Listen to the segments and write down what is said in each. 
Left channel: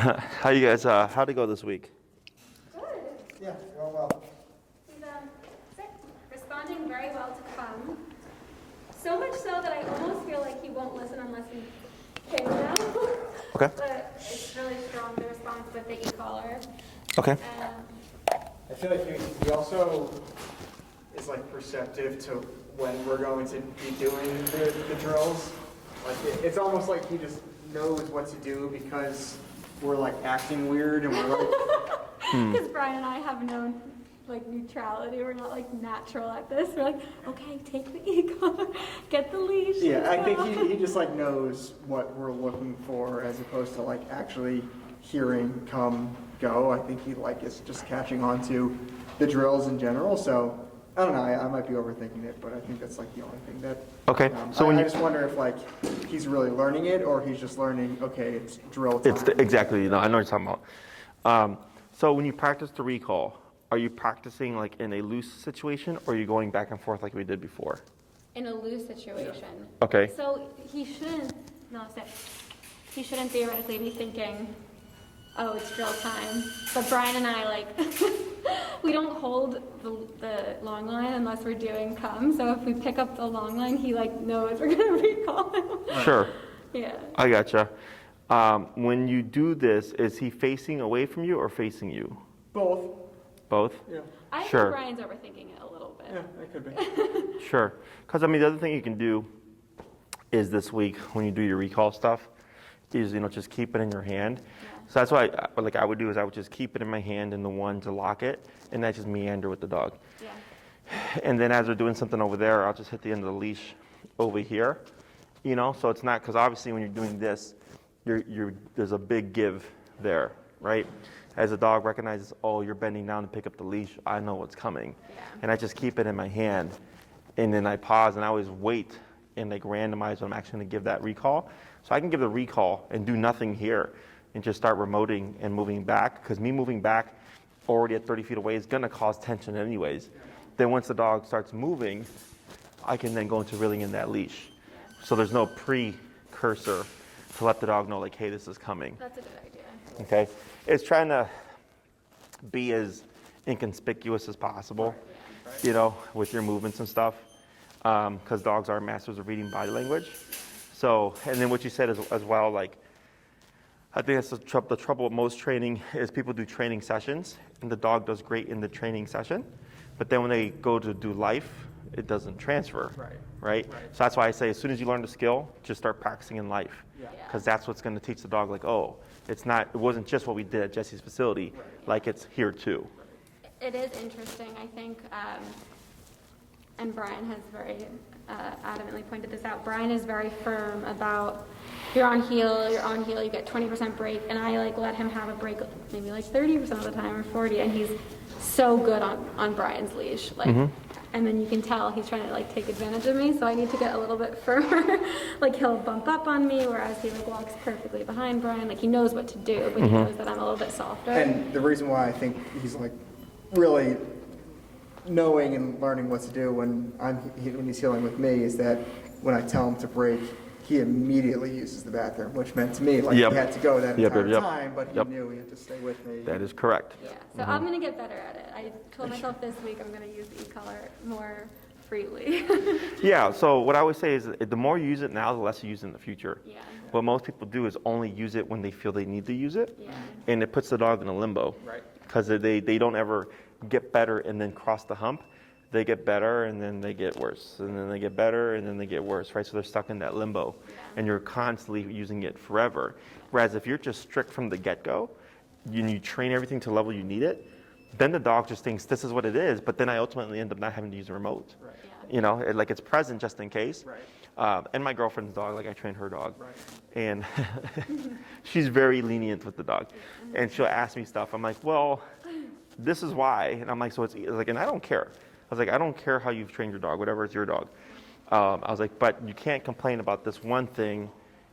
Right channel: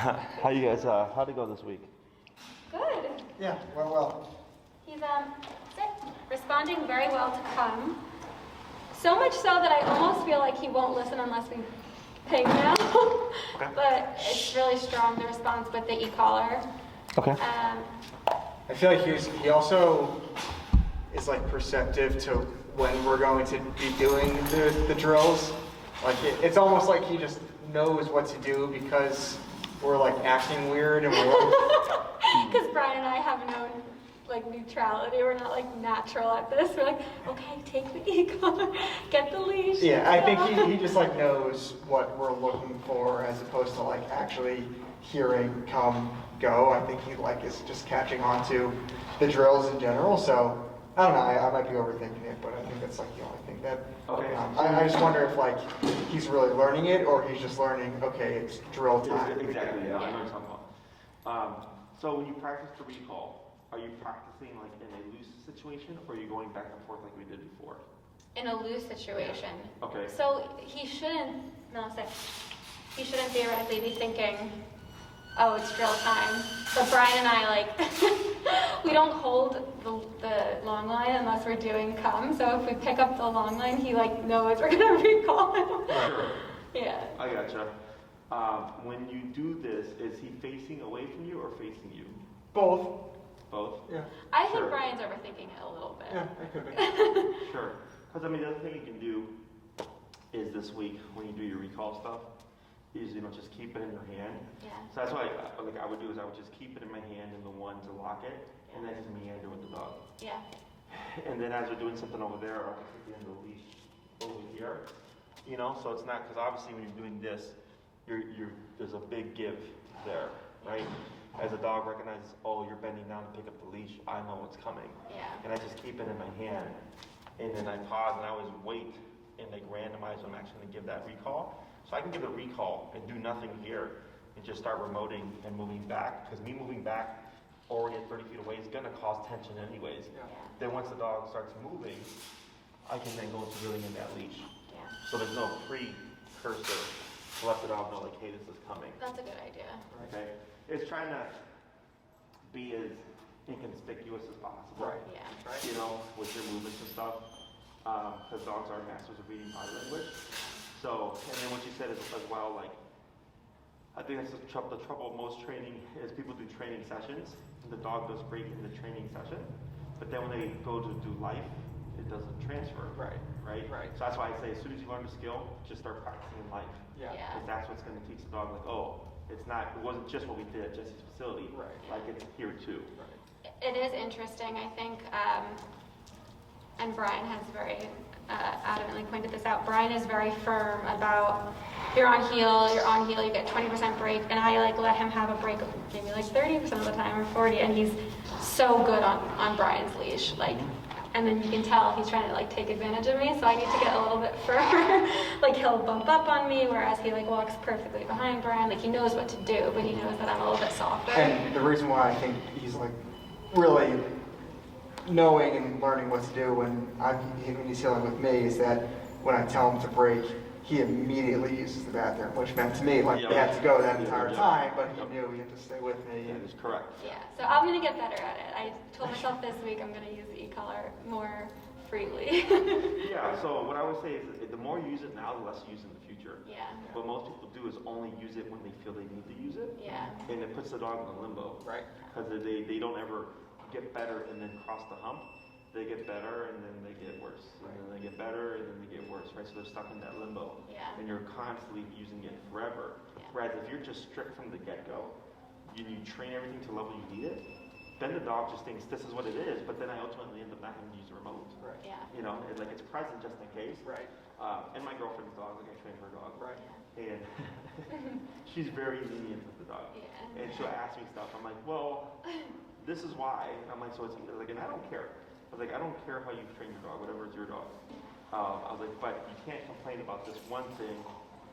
How you guys, how'd it go this week? Good. Yeah, well. He's responding very well to come. So much so that I almost feel like he won't listen unless we ping now. Okay. But it's really strong, the response with the e-collar. Okay. I feel like he also is like perceptive to when we're going to be doing the drills. Like it's almost like he just knows what to do because we're like acting weird and we're like. Because Brian and I have no like neutrality. We're not like natural at this. We're like, okay, take the e-collar, get the leash. Yeah, I think he just like knows what we're looking for as opposed to like actually hearing come go. I think he like is just catching on to the drills in general. So I don't know. I might be overthinking it, but I think that's like the only thing that. Okay. So I just wonder if like he's really learning it or he's just learning. Okay, it's drill time. It's exactly. No, I know what you're talking about. So when you practice the recall, are you practicing like in a loose situation, or are you going back and forth like we did before? In a loose situation. Okay. So he shouldn't theoretically be thinking, oh, it's drill time. But Brian and I, like, we don't hold the long line unless we're doing come. So if we pick up the long line, he, like, knows we're going to recall him. Sure. Yeah. I gotcha. When you do this, is he facing away from you or facing you? Both. Both? Yeah. I Sure. think Brian's overthinking it a little bit. Yeah, it could be. Sure. Because, I mean, the other thing you can do is this week when you do your recall stuff is, just keep it in your hand. Yeah. So that's what I would do is I would just keep it in my hand and the one to lock it, and that's just meander with the dog. Yeah. And then as we're doing something over there, I'll just hit the end of the leash over here, so it's not, because obviously when you're doing this, there's a big give there, right? As the dog recognizes, oh, you're bending down to pick up the leash, I know what's coming. Yeah. And I just keep it in my hand, and then I pause, and I always wait and like randomize when I'm actually going to give that recall. So I can give the recall and do nothing here and just start remoting and moving back, because me moving back already at 30 feet away is going to cause tension anyways. Then once the dog starts moving, I can then go into reeling in that leash. So there's no precursor to let the dog know, like, hey, this is coming. That's a good idea. Okay? It's trying to be as inconspicuous as possible, Yeah. with your movements and stuff, because dogs are masters of reading body language. So, and then what you said as well, like, I think that's the trouble with most training is people do training sessions, and the dog does great in the training session, but then when they go to do life, it doesn't transfer. Right? So that's why I say as soon as you learn the skill, just start practicing in life. Yeah. Because that's what's going to teach the dog, like, oh, it wasn't just what we did at Jesse's facility, like it's here too. It is interesting, I think, and Brian has very adamantly pointed this out. Brian is very firm about you're on heel, you get 20% break, and I like let him have a break maybe like 30% of the time or 40, and he's so good on Brian's leash, like. And then you can tell he's trying to like take advantage of me, so I need to get a little bit firmer. Like he'll bump up on me, whereas he like walks perfectly behind Brian. Like he knows what to do, but he knows that I'm a little bit softer. And the reason why I think he's like really knowing and learning what to do when he's healing with me is that when I tell him to break, he immediately uses the bathroom, which meant to me like he had to go that entire time, but he knew he had to stay with me. That is correct. Yeah, so I'm going to get better at it. I told myself this week I'm going to use the e-collar more freely. Yeah, so what I always say is the more you use it now, the less you use it in the future. Yeah. What most people do is only use it when they feel they need to use it. Yeah. And it puts the dog in a limbo. Right. Because they don't ever get better and then cross the hump. They get better and then they get worse. And then they get better and then they get worse, right? So they're stuck in that limbo. Yeah. And you're constantly using it forever. Whereas if you're just strict from the get-go, you train everything to the level you need it, then the dog just thinks this is what it is, but then I ultimately end up not having to use a remote. Right. Yeah. Like it's present just in case. Right. And my girlfriend's dog, like I trained her dog. Right. And she's very lenient with the dog. And she'll ask me stuff. I'm like, well, this is why. And I'm like, so it's like, and I don't care. I was like, I don't care how you've trained your dog, whatever, it's your dog. I was like, but you can't complain about this one thing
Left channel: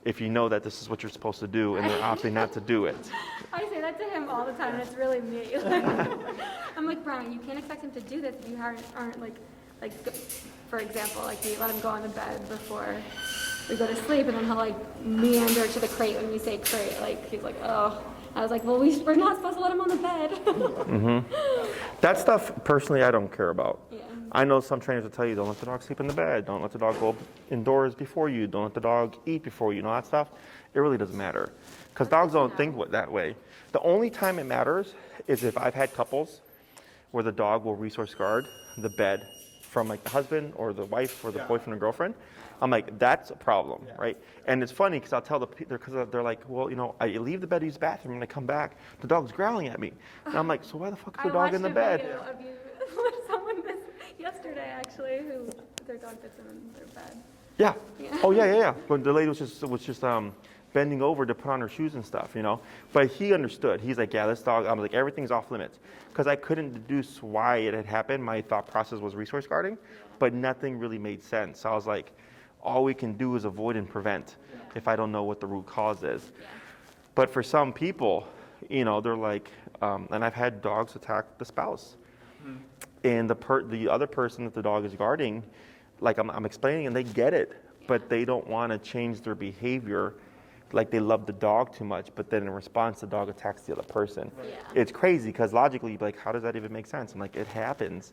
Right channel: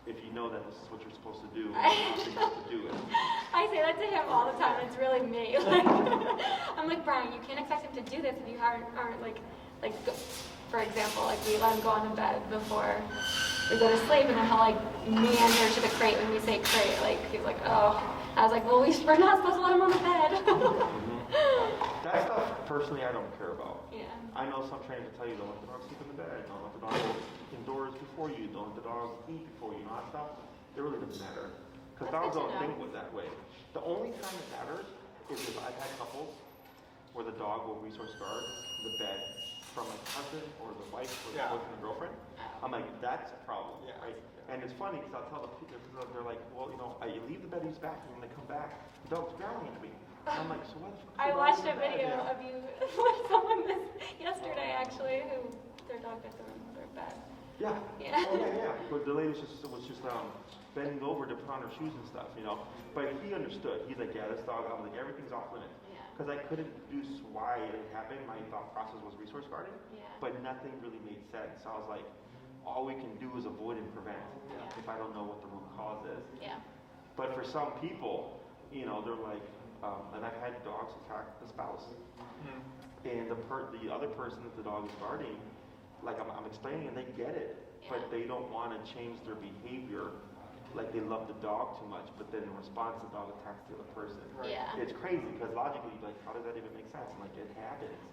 if you know that this is what you're supposed to do and then obviously not to do it. I say that to him all the time. It's really me. I'm like, Brian, you can't expect him to do this if you aren't like, for example, like we let him go on the bed before we go to sleep, and then he'll like meander to the crate when we say crate. Like he's like, oh. I was like, well, we're not supposed to let him on the bed. That stuff, personally, I don't care about. Yeah. I know some trainers will tell you, don't let the dog sleep in the bed. Don't let the dog go indoors before you. Don't let the dog eat before you. You know that stuff? It really doesn't matter. Because dogs don't think that way. The only time it matters is if I've had couples where the dog will resource guard the bed from like the husband or the wife or the boyfriend or girlfriend. I'm like, that's a problem, right? And it's funny because I'll tell because they're like, well, you know, I leave the bed to use the bathroom and I come back, the dog's growling at me. And I'm like, so why the fuck is the dog in the bed? I watched a video of you, someone yesterday actually, who their dog bit them in their bed. Yeah. Yeah. Oh yeah. But the lady was just bending over to put on her shoes and stuff, you know. But he understood. He's like, yeah, this dog. I was like, everything's off limits because I couldn't deduce why it had happened. My thought process was resource guarding, but nothing really made sense. So I was like, all we can do is avoid and prevent if I don't know what the root cause is. Yeah. But for some people, you know, they're like, and I've had dogs attack the spouse. And the other person that the dog is guarding, like I'm explaining and they get it, but they don't want to change their behavior. Like they love the dog too much, but then in response, the dog attacks the other person. Yeah. It's crazy because logically, you'd be like, how does that even make sense? I'm like, it happens,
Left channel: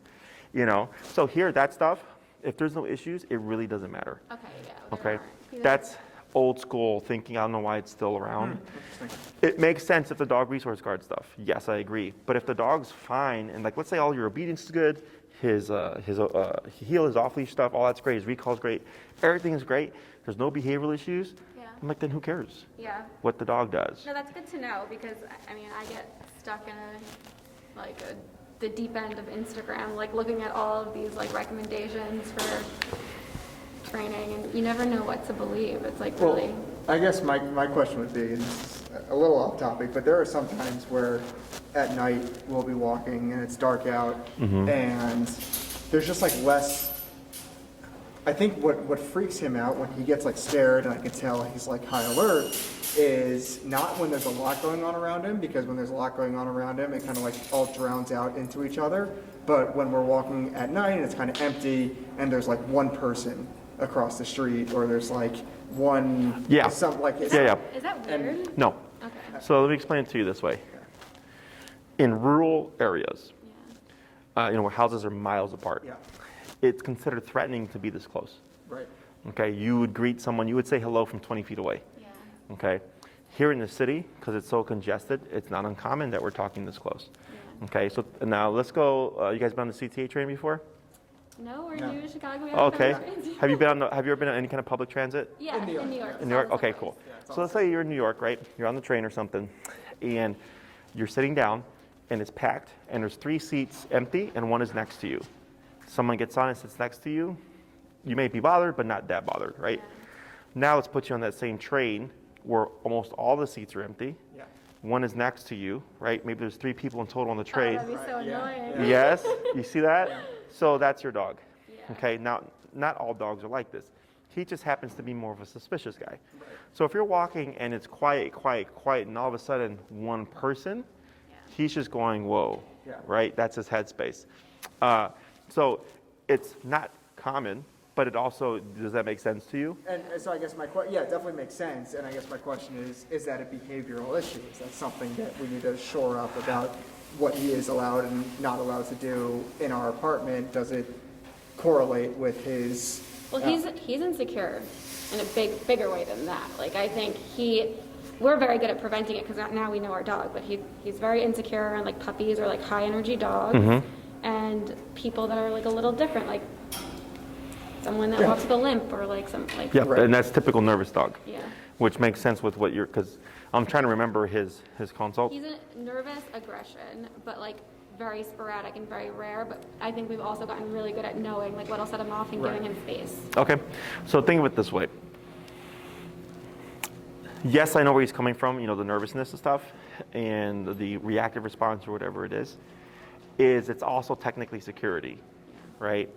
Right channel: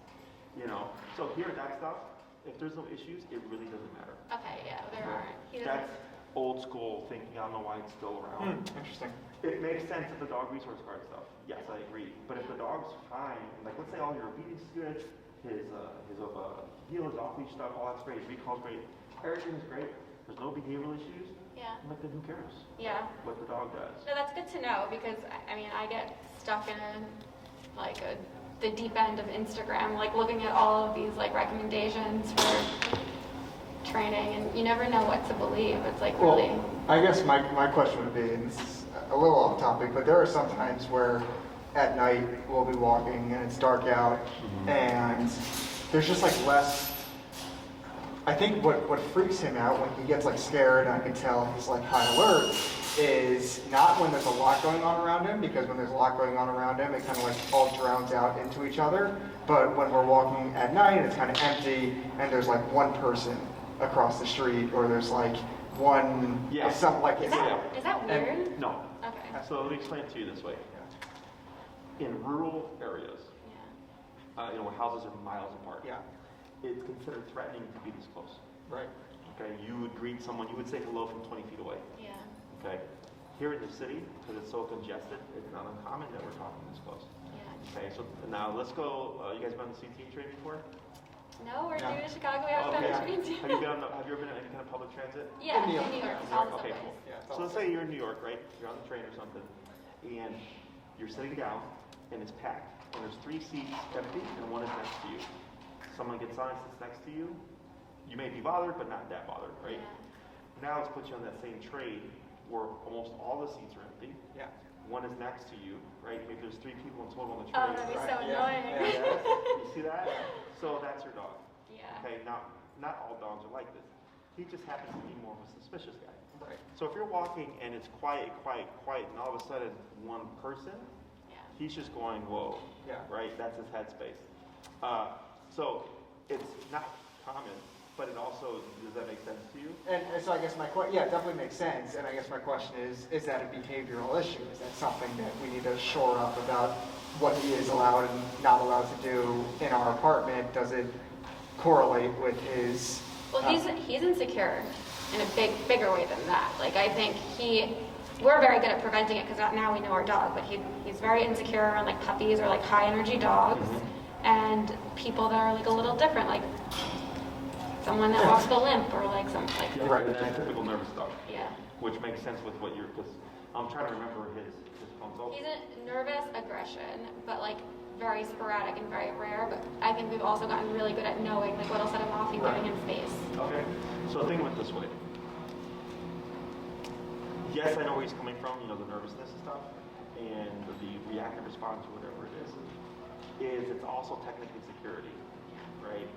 you know? So here, that stuff, if there's no issues, it really doesn't matter. Okay, yeah. Okay? That's old school thinking. I don't know why it's still around. Interesting. It makes sense if the dog resource guard stuff. Yes, I agree. But if the dog's fine, and like let's say all your obedience is good, his heel, his off leash stuff, all that's great. His recall's great. Everything is great. There's no behavioral issues. Yeah. I'm like, then who cares Yeah. what the dog does? No, that's good to know because I mean I get stuck in like the deep end of Instagram, like looking at all of these like recommendations for training, and you never know what to believe. It's like really. Well, I guess my question would be, and this is a little off topic, but there are some times where at night we'll be walking and it's dark out and there's just like less. I think what freaks him out when he gets like scared, and I can tell he's like high alert, is not when there's a lot going on around him, because when there's a lot going on around him, it kind of like all drowns out into each other. But when we're walking at night and it's kind of empty and there's like one person across the street, or there's like one, some like Is that weird? No. Okay. So let me explain it to you this way. In rural areas, you know, where houses are miles apart, it's considered threatening to be this close. Right. Okay, you would greet someone, you would say hello from 20 feet away. Yeah. Okay, here in the city, because it's so congested, it's not uncommon that we're talking this close. Okay, so now let's go. You guys been on the CTA train before? No, we're new to Chicago. We haven't Okay. done trains. Have you ever been on any kind of public transit? Yeah, in New York. In New York? Okay, cool. So let's say you're in New York, right? You're on the train or something, and you're sitting down, and it's packed, and there's 3 seats empty, and one is next to you. Someone gets on and sits next to you. You may be bothered, but not that bothered, right? Now let's put you on that same train where almost all the seats are empty. Yeah. One is next to you, right? Maybe there's 3 people in total on the train. Oh, that'd be so annoying. Yes, you see that? So that's your dog. Yeah. Okay, now not all dogs are like this. He just happens to be more of a suspicious guy. So if you're walking and it's quiet, and all of a sudden one person, he's just going, whoa, right? That's his headspace. So it's not common, but it also, does that make sense to you? And so I guess it definitely makes sense. And I guess my question is that a behavioral issue? Is that something that we need to shore up about what he is allowed and not allowed to do in our apartment? Does it correlate with his? Well, he's insecure in a bigger way than that. Like I think we're very good at preventing it because now we know our dog, but he's very insecure, and like puppies are like high energy dogs, and people that are like a little different, like someone that walks with a limp, or like some like. Yeah, and that's typical nervous dog. Yeah. Which makes sense with what because I'm trying to remember his consult. He's a nervous aggression, but like very sporadic and very rare. But I think we've also gotten really good at knowing like what'll set him off and giving him space. Okay, so think of it this way. Yes, I know where he's coming from, you know, the nervousness and stuff, and the reactive response or whatever it is it's also technically security, right?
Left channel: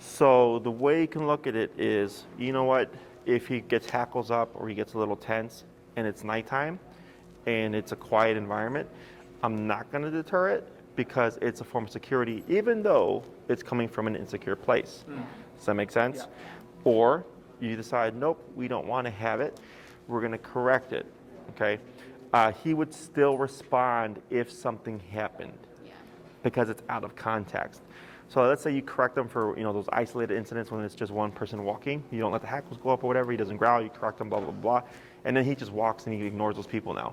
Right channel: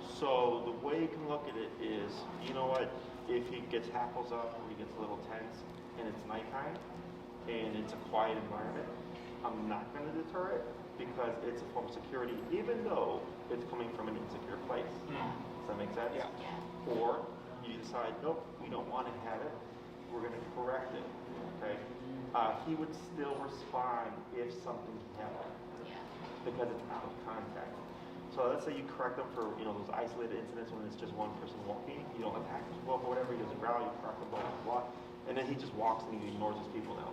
So the way you can look at it is, you know what, if he gets hackles up or he gets a little tense and it's nighttime and it's a quiet environment, I'm not going to deter it because it's a form of security, even though it's coming from an insecure place. Does that make sense? Or you decide, nope, we don't want to have it, we're going to correct it, okay? He would still respond if something happened because it's out of context. So let's say you correct him for those isolated incidents when it's just one person walking. You don't let the hackles go up or whatever. He doesn't growl. You correct him, blah, blah, blah. And then he just walks and he ignores those people now.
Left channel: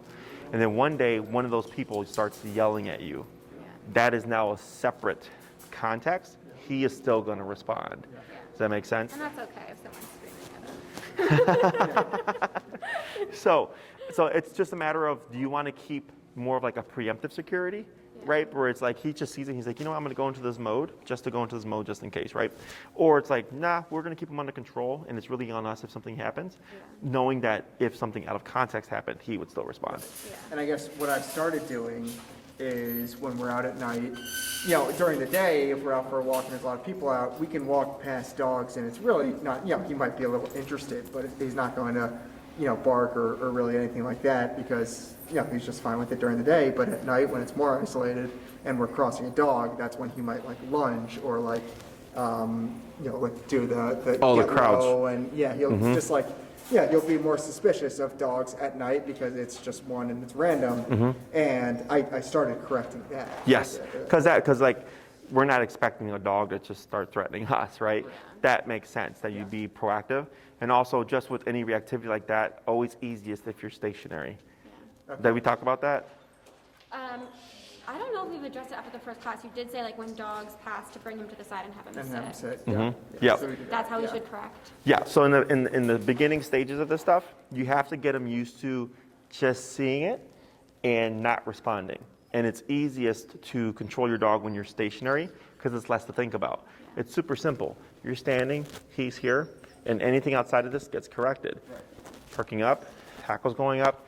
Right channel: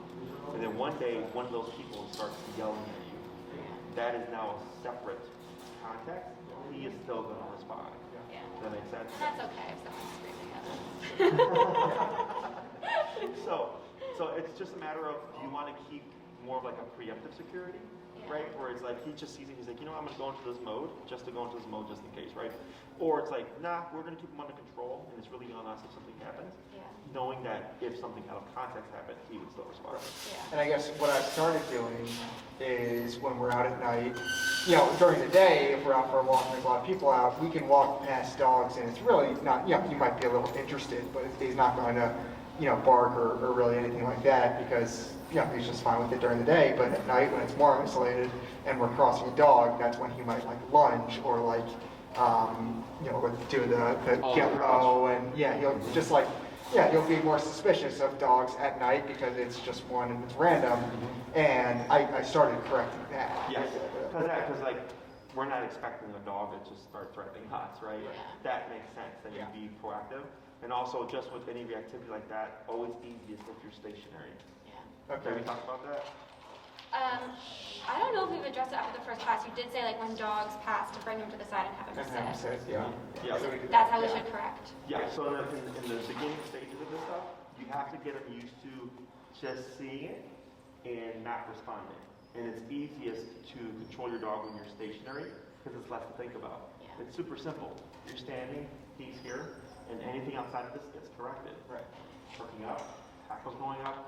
And then one day, one of those people starts yelling at you. That is now a separate context. He is still going to respond. Does that make sense? And that's okay if someone's screaming at them. So it's just a matter of, do you want to keep more of like a preemptive security, right? Where it's like he just sees it, he's like, I'm going to go into this mode just to go into this mode just in case, right? Or it's like, nah, we're going to keep him under control, and it's really on us if something happens, knowing that if something out of context happened, he would still respond. And I guess what I've started doing is when we're out at night, during the day, if we're out for a walk and there's a lot of people out, we can walk past dogs, and it's really not, he might be a little interested, but he's not going to, bark or really anything like that because, he's just fine with it during the day. But at night, when it's more isolated and we're crossing a dog, that's when he might like lunge or like, do the crouch. And he'll just like, he'll be more suspicious of dogs at night because it's just one and it's random. And I started correcting that. Yes, because like we're not expecting a dog to just start threatening us, right? That makes sense that you be proactive. And also, just with any reactivity like that, always easiest if you're stationary. Did we talk about that? I don't know if we've addressed it after the first class. You did say like when dogs pass to bring them to the side and have them sit. Yeah. That's how we should correct. Yeah. So in the beginning stages of this stuff, you have to get them used to just seeing it and not responding. And it's easiest to control your dog when you're stationary because it's less to think about. It's super simple. You're standing, he's here, and anything outside of this gets corrected. Perking up, hackles going up,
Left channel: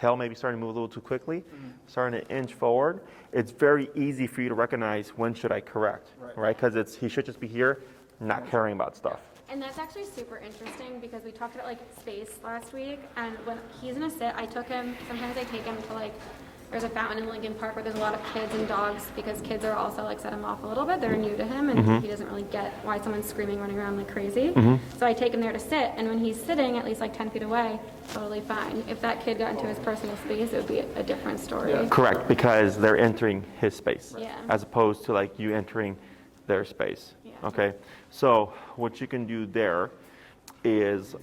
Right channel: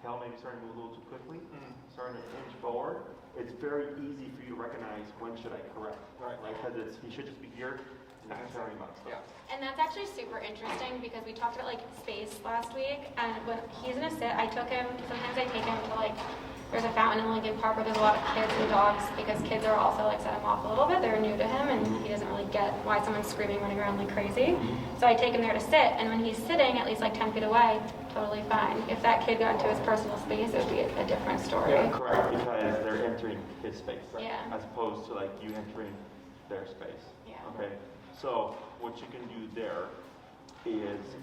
tail maybe starting to move a little too quickly, starting to inch forward. It's very easy for you to recognize when should I correct, right? Because he should just be here, not caring about stuff. And that's actually super interesting because we talked about like space last week, and when he's gonna sit, I took him, sometimes I take him to like, there's a fountain in Lincoln Park where there's a lot of kids and dogs because kids are also like set him off a little bit. They're new to him and he doesn't really get why someone's screaming, running around like crazy. So I take him there to sit, and when he's sitting at least like 10 feet away, totally fine. If that kid got into his personal space, it would be a different story. Correct, because they're entering his space as opposed to like you entering their space. Okay, so what you can do there is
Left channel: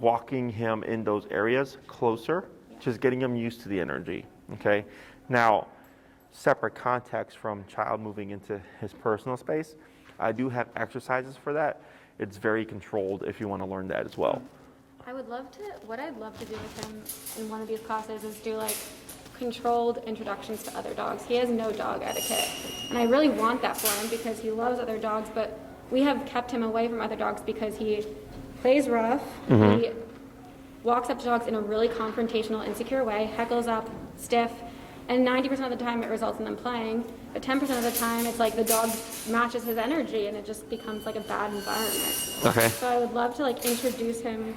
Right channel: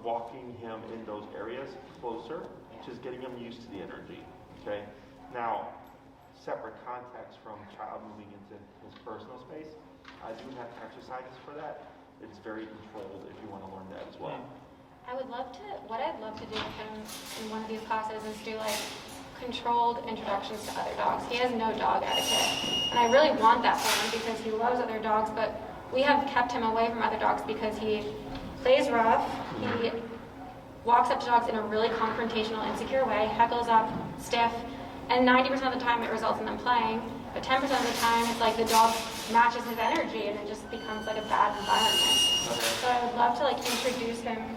walking him in those areas closer, just getting him used to the energy. Okay, now separate context from child moving into his personal space. I do have exercises for that. It's very controlled if you want to learn that as well. What I'd love to do with him in one of these classes is do like controlled introductions to other dogs. He has no dog etiquette, and I really want that for him because he loves other dogs, but we have kept him away from other dogs because he plays rough, he walks up to dogs in a really confrontational, insecure way, heckles up, stiff, and 90% of the time it results in them playing, but 10% of the time it's like the dog matches his energy and it just becomes like a bad environment. Okay. So I would love to like introduce him,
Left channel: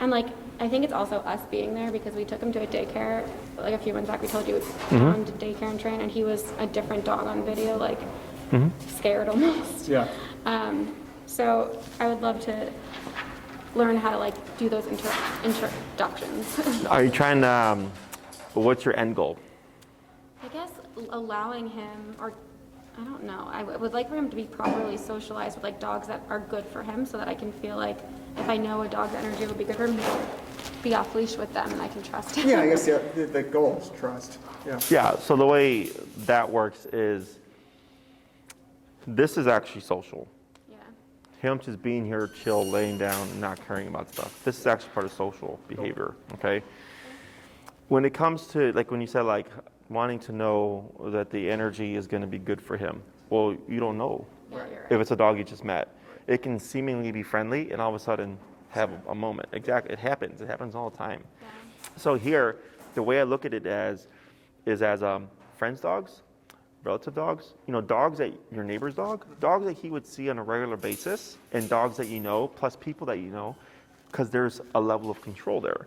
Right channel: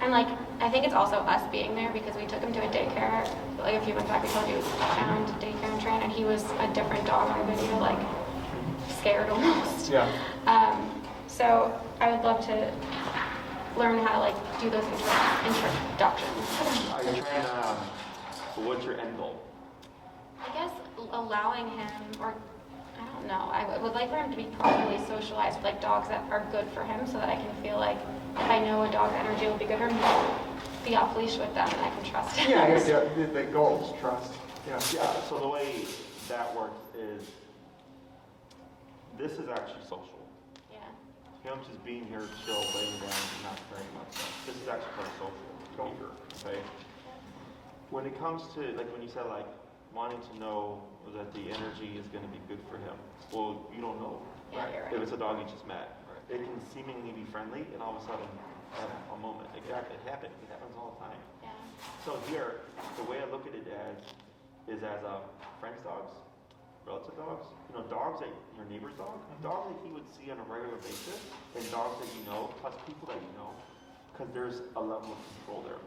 and like I think it's also us being there because we took him to a daycare like a few months back. We told you we took him to daycare and train, and he was a different dog on video, like scared almost. So I would love to learn how to like do those introductions. Are you trying to, what's your end goal? I guess allowing him, or I don't know, I would like for him to be properly socialized with like dogs that are good for him so that I can feel like if I know a dog's energy will be good for him, I'll be off leash with them and I can trust him. I guess the goal is trust. Yeah, so the way that works is, this is actually social. Him just being here, chill, laying down, not caring about stuff. This is actually part of social behavior, okay? When it comes to, like when you said like wanting to know that the energy is gonna be good for him, well, you don't know if it's a dog you just met. It can seemingly be friendly and all of a sudden have a moment. Exactly, it happens all the time. So here, the way I look at it is as friends dogs, relative dogs, dogs that your neighbor's dog, dogs that he would see on a regular basis, and dogs that you know, plus people that you know, because there's a level of control there.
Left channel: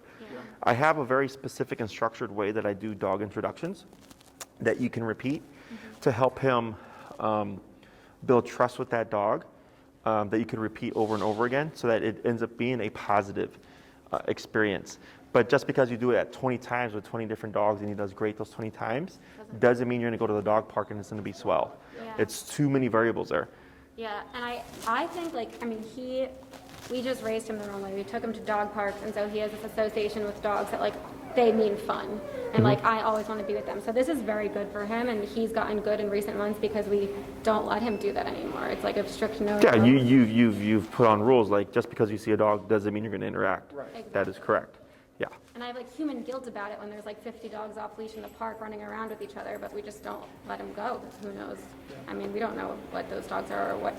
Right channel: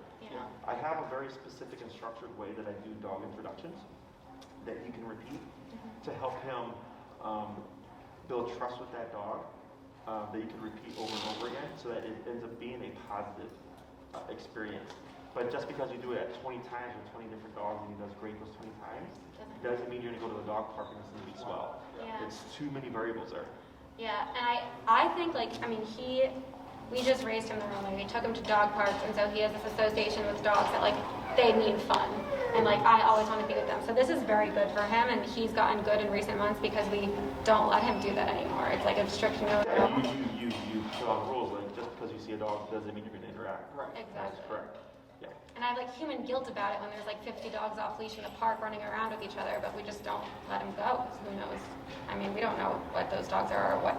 I have a very specific and structured way that I do dog introductions that you can repeat to help him build trust with that dog that you could repeat over and over again so that it ends up being a positive experience. But just because you do it at 20 times with 20 different dogs and he does great those 20 times, doesn't mean you're going to go to the dog park and it's going to be swell. Yeah. It's too many variables there. Yeah, and I think, like, I mean, we just raised him the wrong way. We took him to dog parks, and so he has this association with dogs that, like, they need fun. And, like, I always want to be with them. So this is very good for him, and he's gotten good in recent months because we don't let him do that anymore. It's like a strict no. Yeah, you've put on rules, like, just because you see a dog doesn't mean you're going to interact. Right. Exactly. That is correct. Yeah. And I have, like, human guilt about it when there's, like, 50 dogs off leash in the park running around with each other, but we just don't let him go. Who knows? I mean, we don't know what those dogs are or what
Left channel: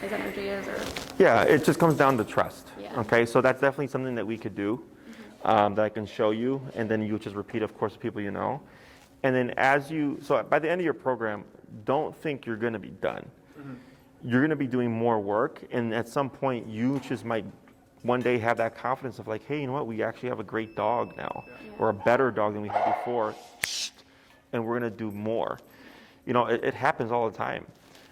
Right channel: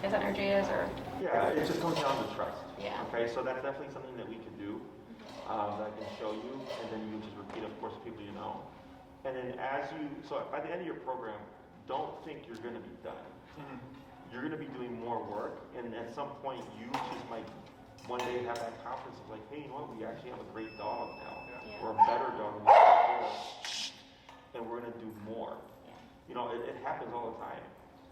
his energy is or... Yeah, it just comes down to trust. Yeah. Okay, so that's definitely something that we could do, that I can show you, and then you just repeat, of course, people you know. And then so by the end of your program, don't think you're going to be done. You're going to be doing more work, and at some point, you just might one day have that confidence of like, hey, you know what, we actually have a great dog now, or a better dog than we had before, and we're going to do more. You know, it happens all the time.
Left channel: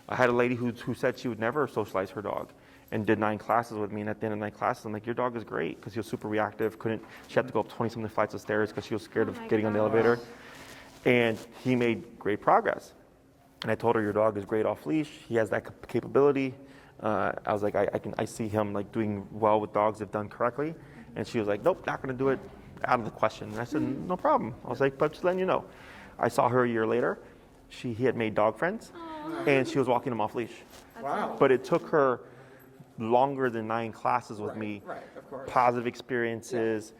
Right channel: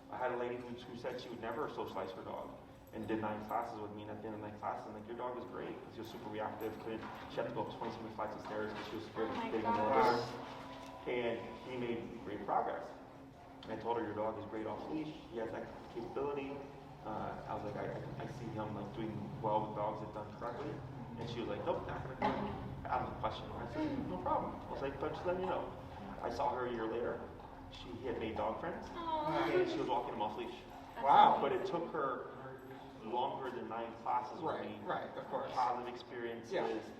I had a lady who said she would never socialize her dog and did 9 classes with me, and at the end of 9 classes, I'm like, your dog is great, because he was super reactive, she had to go up 20-something flights of stairs because she was scared of getting on the elevator, and he made great progress. And I told her, your dog is great off leash, he has that capability. I was like, I see him like doing well with dogs if done correctly, and she was like, nope, not going to do it, out of the question. And I said, no problem. I was like, but just letting you know. I saw her a year later. He had made dog friends, and she was walking him off leash. Wow. But it took her longer than 9 classes with me. Right, of course. Positive experiences.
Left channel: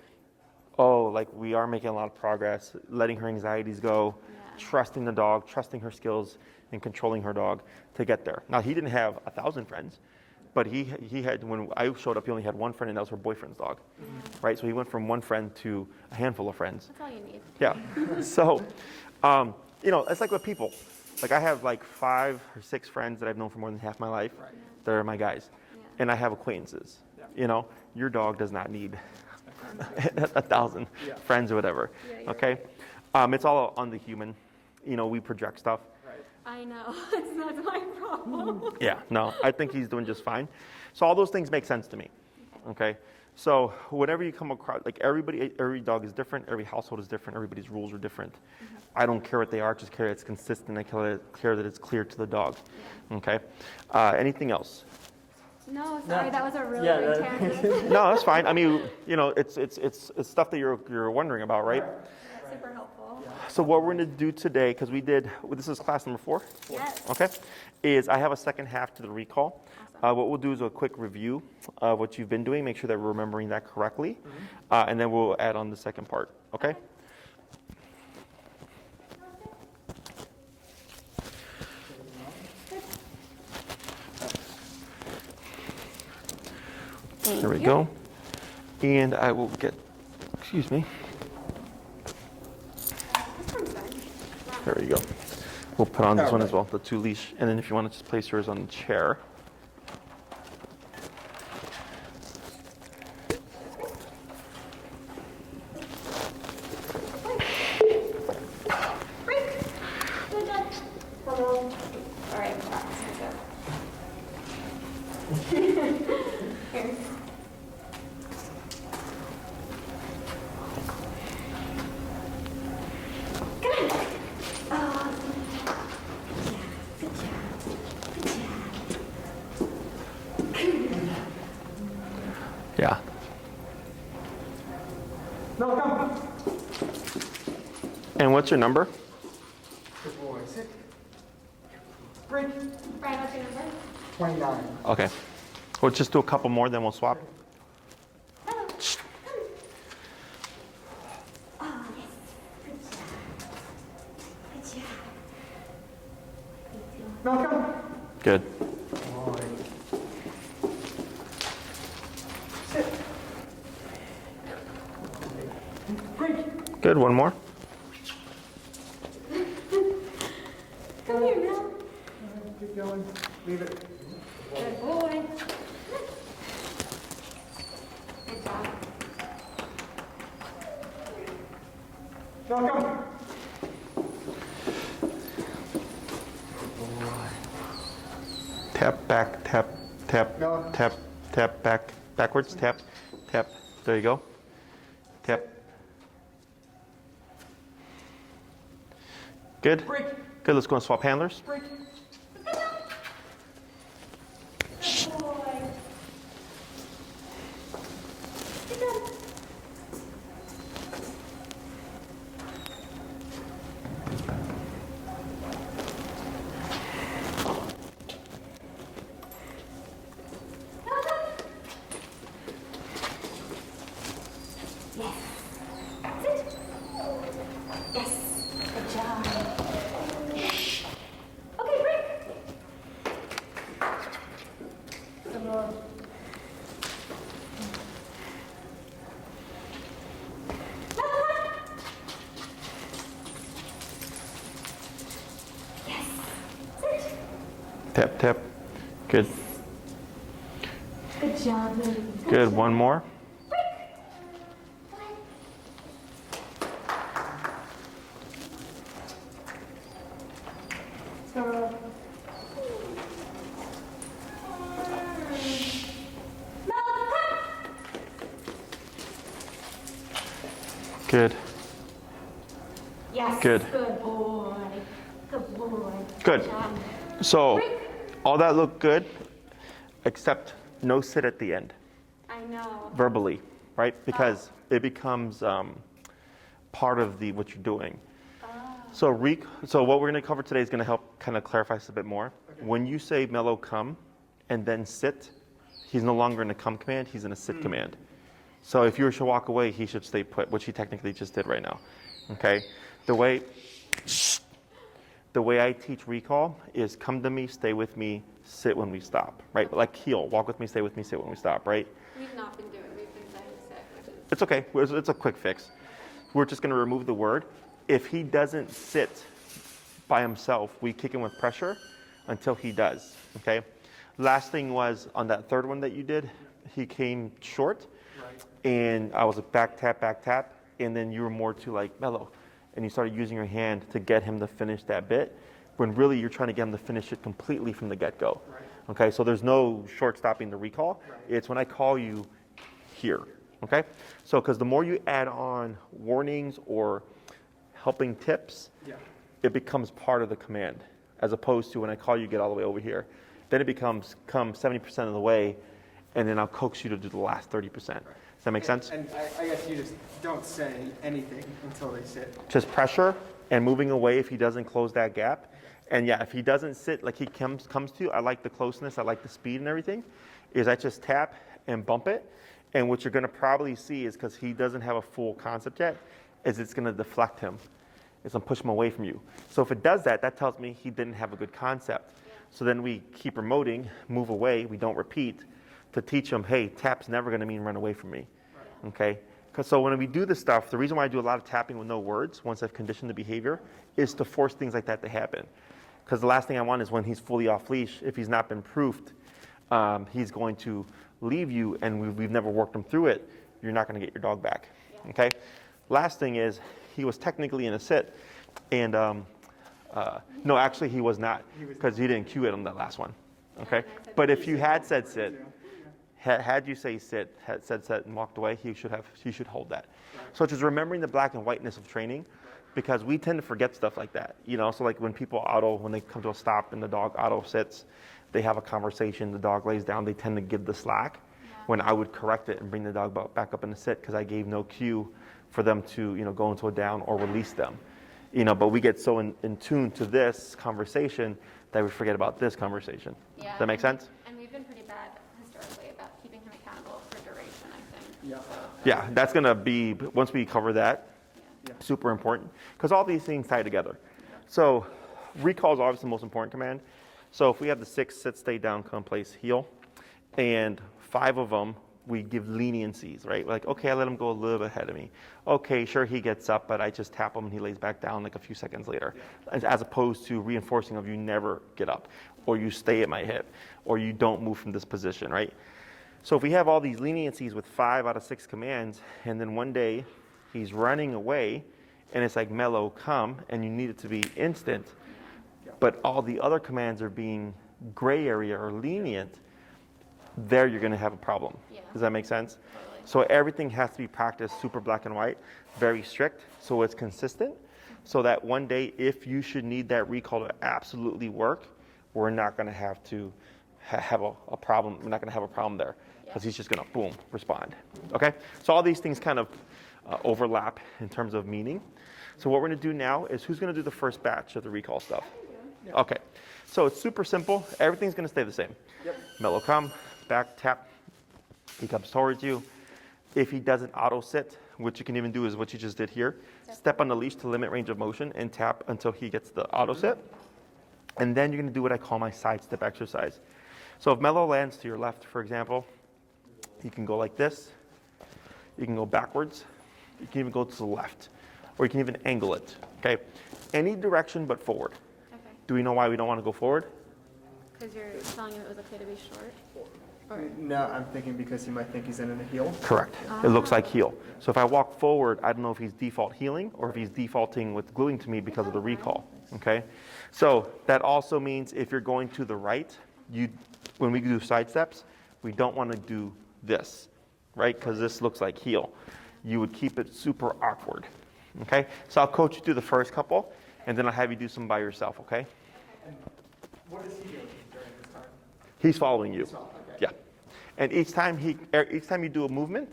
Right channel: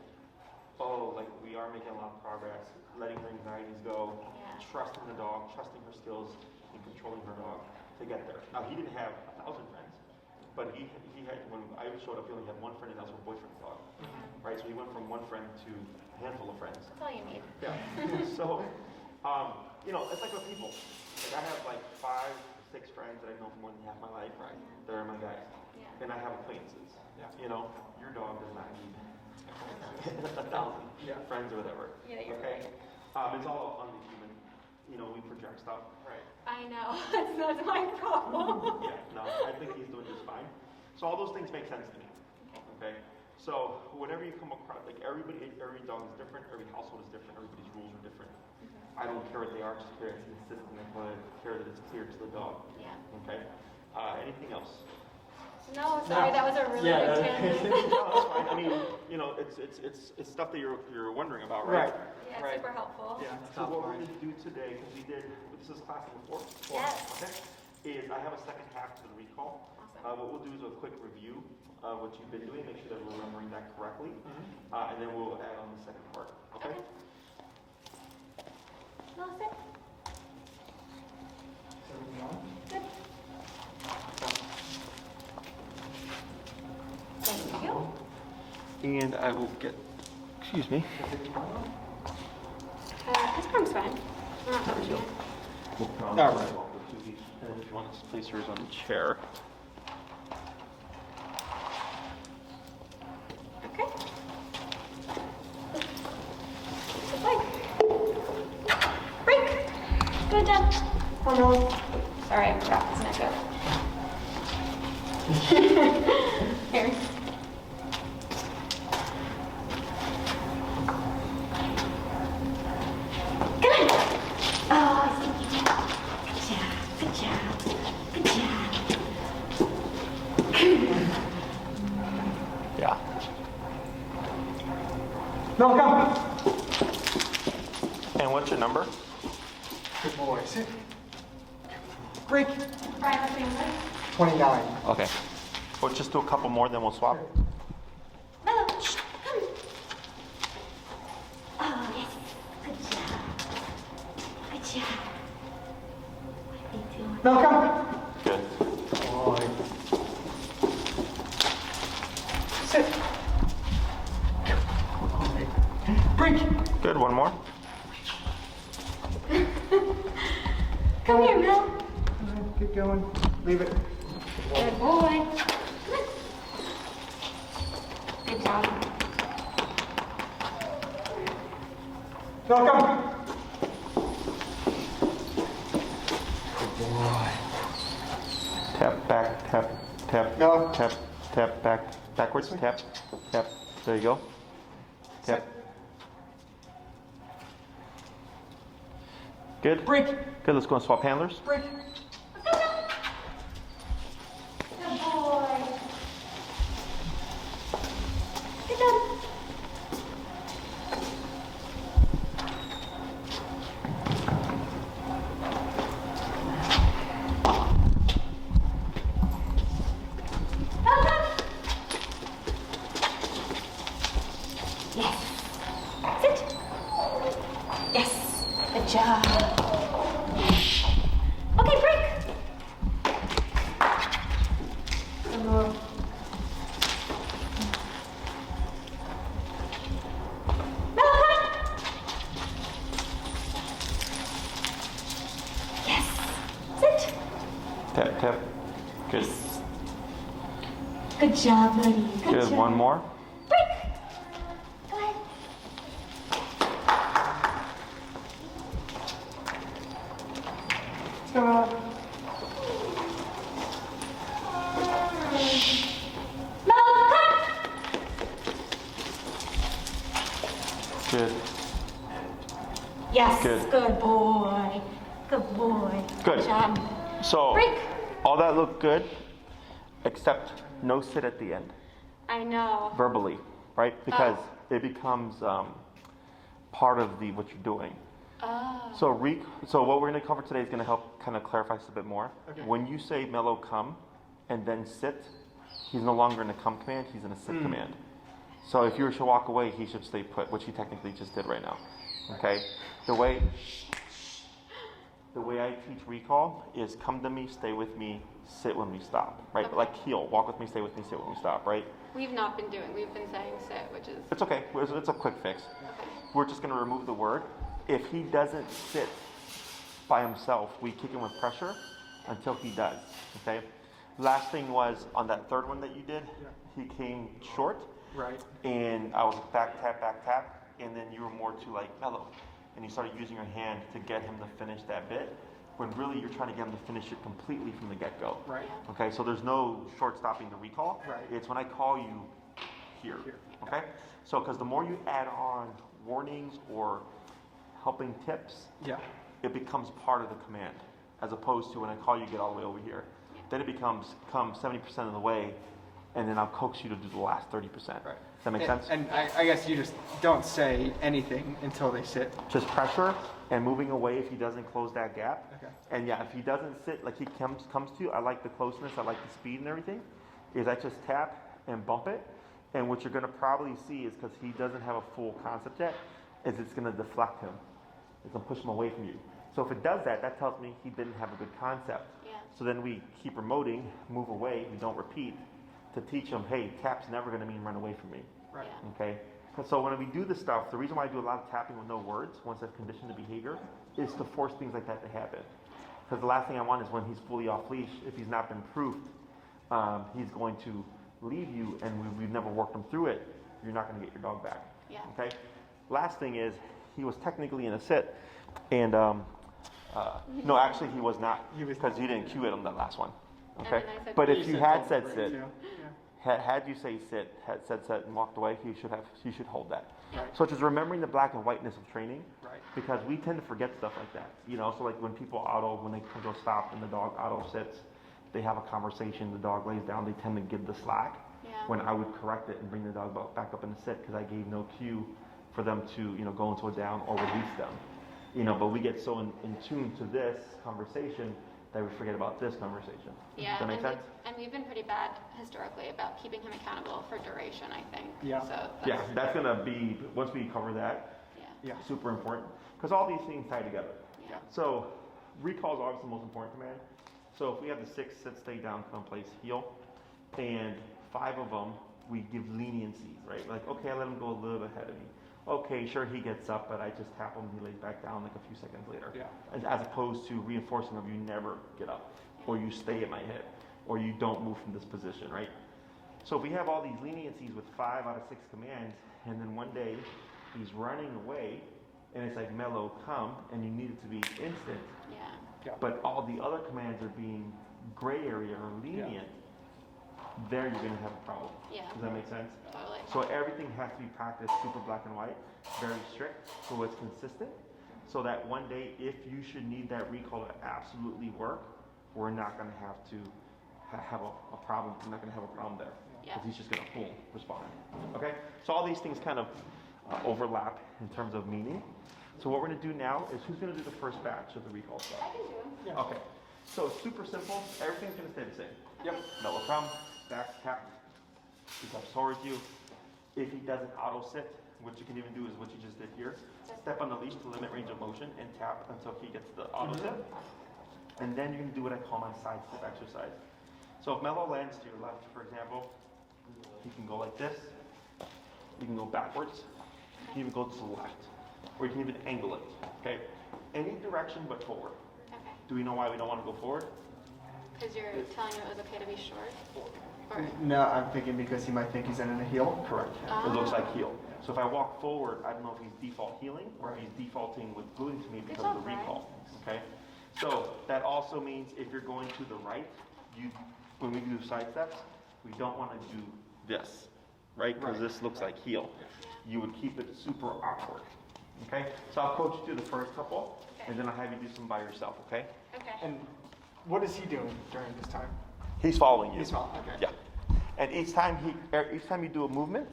Oh, like we are making a lot of progress, letting her anxieties go, trusting the dog, trusting her skills, and controlling her dog to get there. Now, he didn't have 1,000 friends, but he had, when I showed up, he only had 1 friend, and that was her boyfriend's dog, right? So he went from 1 friend to a handful of friends. That's all you need. Yeah. So, you know, it's like with people. Like I have like 5 or 6 friends that I've known for more than half my life that are my guys. And I have acquaintances. You know, your dog does not need 1,000 friends or whatever. Okay? It's all on the human. You know, we project stuff. I know. That's my problem. Yeah, no, I think he's doing just fine. So all those things make sense to me. Okay? So whatever you come across, like every dog is different, every household is different, everybody's rules are different. I don't care what they are, just care it's consistent. I care that it's clear to the dog. Okay? Anything else? No, sorry, that was a really big tangent. No, that's fine. I mean, you know, it's stuff that you're wondering about, right? Yeah, super helpful. So what we're going to do today, because this is class number 4. Yes. Okay, is I have a second half to the recall. What we'll do is a quick review of what you've been doing, make sure that we're remembering that correctly, and then we'll add on the second part. Okay? There we go. And I will get, excuse me. This one's fine. There you go. We'll put on this one as well, the 2 leash. And then if you want to just place yours on the chair. Okay. Break. Good job. Hold on. All right, stand up. Here. Yeah. No, come. And what's your number? Good boy. Sit. Break. All right, what's your number? 29. Okay. We'll just do a couple more, then we'll swap. Melo, come. Oh, yes. Good job. Good job. No, come. Good. Boy. Sit. Break. Good. One more. Come here, Mel. Keep going. Leave it. Good boy. Good job. No, come. Good boy. Tap back, tap, tap, tap, tap, backwards, tap, tap. There you go. Tap. Good. Break. Good. Let's go and swap handlers. Break. Good boy. Good job. Tap, tap. Good. Good job, honey. Good. job. One more. Break. Go ahead. Stop. Melo, cut. Good. Yes. Good. Good boy. Good boy. Good. job. So, Break. all that looked good, except no sit at the end, I know. verbally, right? Because it becomes part of what you're doing. So what we're going to cover today is going to help kind of clarify this a bit more. Okay. When you say Melo come and then sit, he's no longer in a come command, he's in a sit command. So if you were to walk away, he should stay put, which he technically just did right now. Okay? The way I teach recall is come to me, stay with me, sit when we stop, right? Okay. Like heel, walk with me, stay with me, sit when we stop, right? We've not been doing. We've been saying sit, which is. It's okay. It's a quick fix. We're just going to remove the word. If he doesn't sit by himself, we kick him with pressure until he does, okay? Last thing was on that third one that you did, he came short, Right. and I was like back tap, and then you were more to like Melo, and you started using your hand to get him to finish that bit, when really you're trying to get him to finish it completely from the get-go. Right. Okay, so there's no short stopping the recall. Right. It's when I call you here. Okay? So, because the more you add on warnings or helping tips, Yeah. it becomes part of the command, as opposed to when I call you, get all the way over here. Then it becomes come 70% of the way, and then I'll coax you to do the last 30%. Does that make sense? And I guess you just don't say anything until they sit. Just pressure and moving away if he doesn't close that gap. Okay. And yeah, if he doesn't sit, like he comes to you, I like the closeness, I like the speed and everything, is I just tap and bump it. And what you're gonna probably see is, because he doesn't have a full concept yet, is it's gonna deflect him. It's gonna push him away from you. So if it does that, that tells me he didn't have a good concept. Yeah. So then we keep remoting, move away, we don't repeat, to teach him, hey, tap's never gonna mean run away from me. Right. Okay? So when we do this stuff, the reason why I do a lot of tapping with no words, once I've conditioned the behavior, is to force things like that to happen. Because the last thing I want is when he's fully off leash, if he's not been proofed, he's going to leave you, and we've never worked him through it, you're not going to get your dog back. Yeah. Okay? Last thing is, he was technically in a sit, and no, actually he was not, He was because he didn't cue it on that last one. Okay? And I said- But You if you said had don't said break, sit, too. had you say sit, had said sit and walked away, he should hold that. So it's just remembering the black and whiteness of training, because we tend to forget stuff like that. You know, so like when people when they come to a stop and the dog auto sits, they have a conversation, the dog lays down, they tend to give the slack. Yeah. When I would correct it and bring the dog back up in the sit, because I gave no cue for them to, go into a down or release them. But we get so in tune to this conversation that we forget about this conversation. Yeah. Does that make and sense? And we've been pretty bad historically about keeping him accountable for duration, I think. Yeah. So Yeah, that's gonna be, once we cover that, Yeah. super important, because all these things tie together. Yeah. So recall is obviously the most important command. So if we have the 6, sit, stay down, come, place, heel, and 5 of them, we give leniencies, right? Like, okay, I let him go a little bit ahead of me. Okay, sure, he gets up, but I just tap him and he lays back down like a few seconds later. Yeah. As opposed to reinforcing of you never get up, or you stay at my hip, or you don't move from this position, right? So if we have all these leniencies with 5 out of 6 commands, and then one day he's running away, and it's like, Melo, come, and you need it to be instant, yeah. but all the other commands are being gray area or lenient, there you're going to have a problem. Yeah. Does that make sense? Totally. So everything has to be practiced super black and white, very strict, so it's consistent, so that one day if you should need that recall to absolutely work, we're not going to have to have a problem. We're not going to have a problem there because he's just going to, boom, respond. Okay? So all these things kind of overlap in terms of meaning. So what we're going to do now is who's going to do the first batch of the recall stuff? Okay. So it's super simple. Everything's going to stay the same. Yep. Melo come, back tap. He comes towards you. If he doesn't auto sit, what you can even do is what you just did here. Step on the leash to limit range of motion and tap until he gets the auto sit. And then you're going to do what I call my side step exercise. So if Melo lands to your left, for example, you can go like this. You can go backwards. You can even go to the left. Or you can even angle it. Okay? Any direction but forward. Okay. Do we know why we don't want to go forward? Because you're telling him it was okay to be short? Or, No, I'm thinking because he might think he's in a heel. Correct. It looks like heel. So if I walk forward, I don't know if he's default heeling or if he's defaulting with gluing to me because of the recall. Okay? So that also means if you're going to the right, when we do side steps, we don't want to do this, right? Because this looks like heel. You would keep it super awkward. Okay? So I'll coach you through the first couple, and then I'll have you do some by yourself, okay? okay. And what is he doing during this time? He's following you. He's following, okay. Yeah. And each time you do a movement,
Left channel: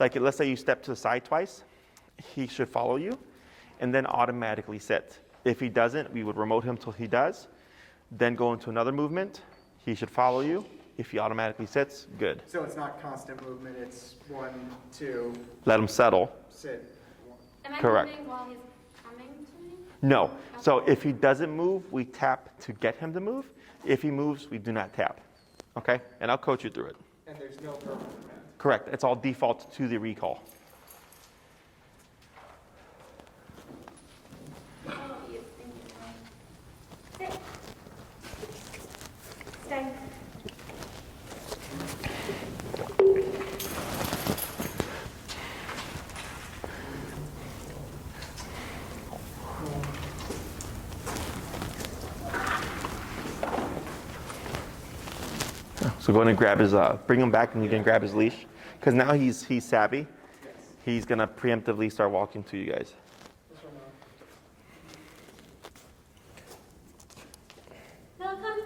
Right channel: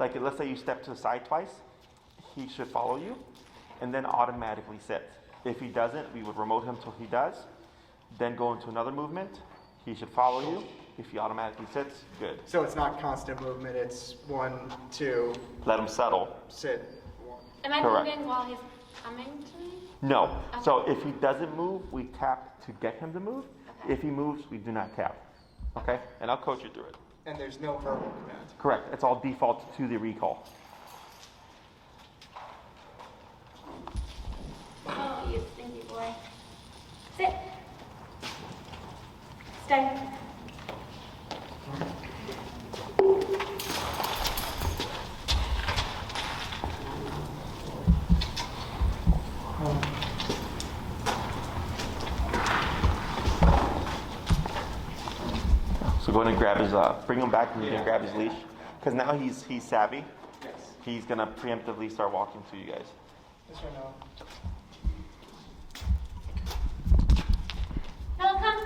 like let's say you step to the side twice, he should follow you and then automatically sit. If he doesn't, we would remote him till he does, then go into another movement. He should follow you. If he automatically sits, good. So it's not constant movement, it's 1, 2, Let him settle. sit. Am I Correct. moving while he's coming to me? No. So if he doesn't move, we tap to get him to move. If he moves, we do not tap. Okay? And I'll coach you through it. And there's no verbal command. Correct. It's all default to the recall. Oh, you stinky boy. Sit. Stay. So go ahead and grab his, bring him back and you can grab his leash. Because now he's savvy. Yes. He's gonna preemptively start walking to you guys. This one, no. No, come.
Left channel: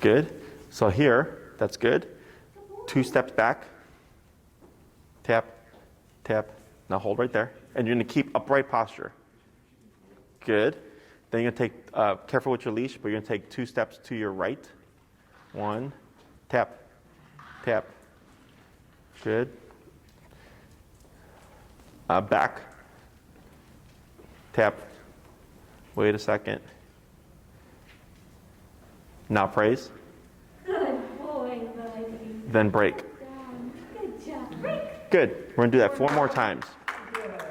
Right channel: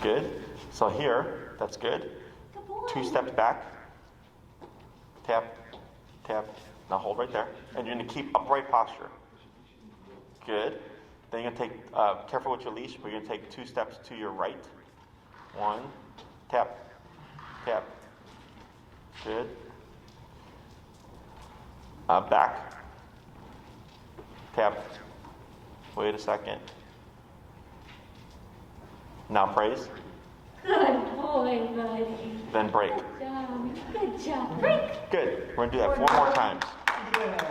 Good. So here, that's good. Good boy. 2 steps back. Tap, tap. Now hold right there. And you're gonna keep upright posture. Good. Then you're gonna take, careful with your leash, but you're gonna take 2 steps to your right. 1, tap, tap. Good. Back. Tap. Wait a second. Now praise. Good boy, buddy. Then break. Good job. Good job. Break. Good. We're gonna do that 4 more times. Good job.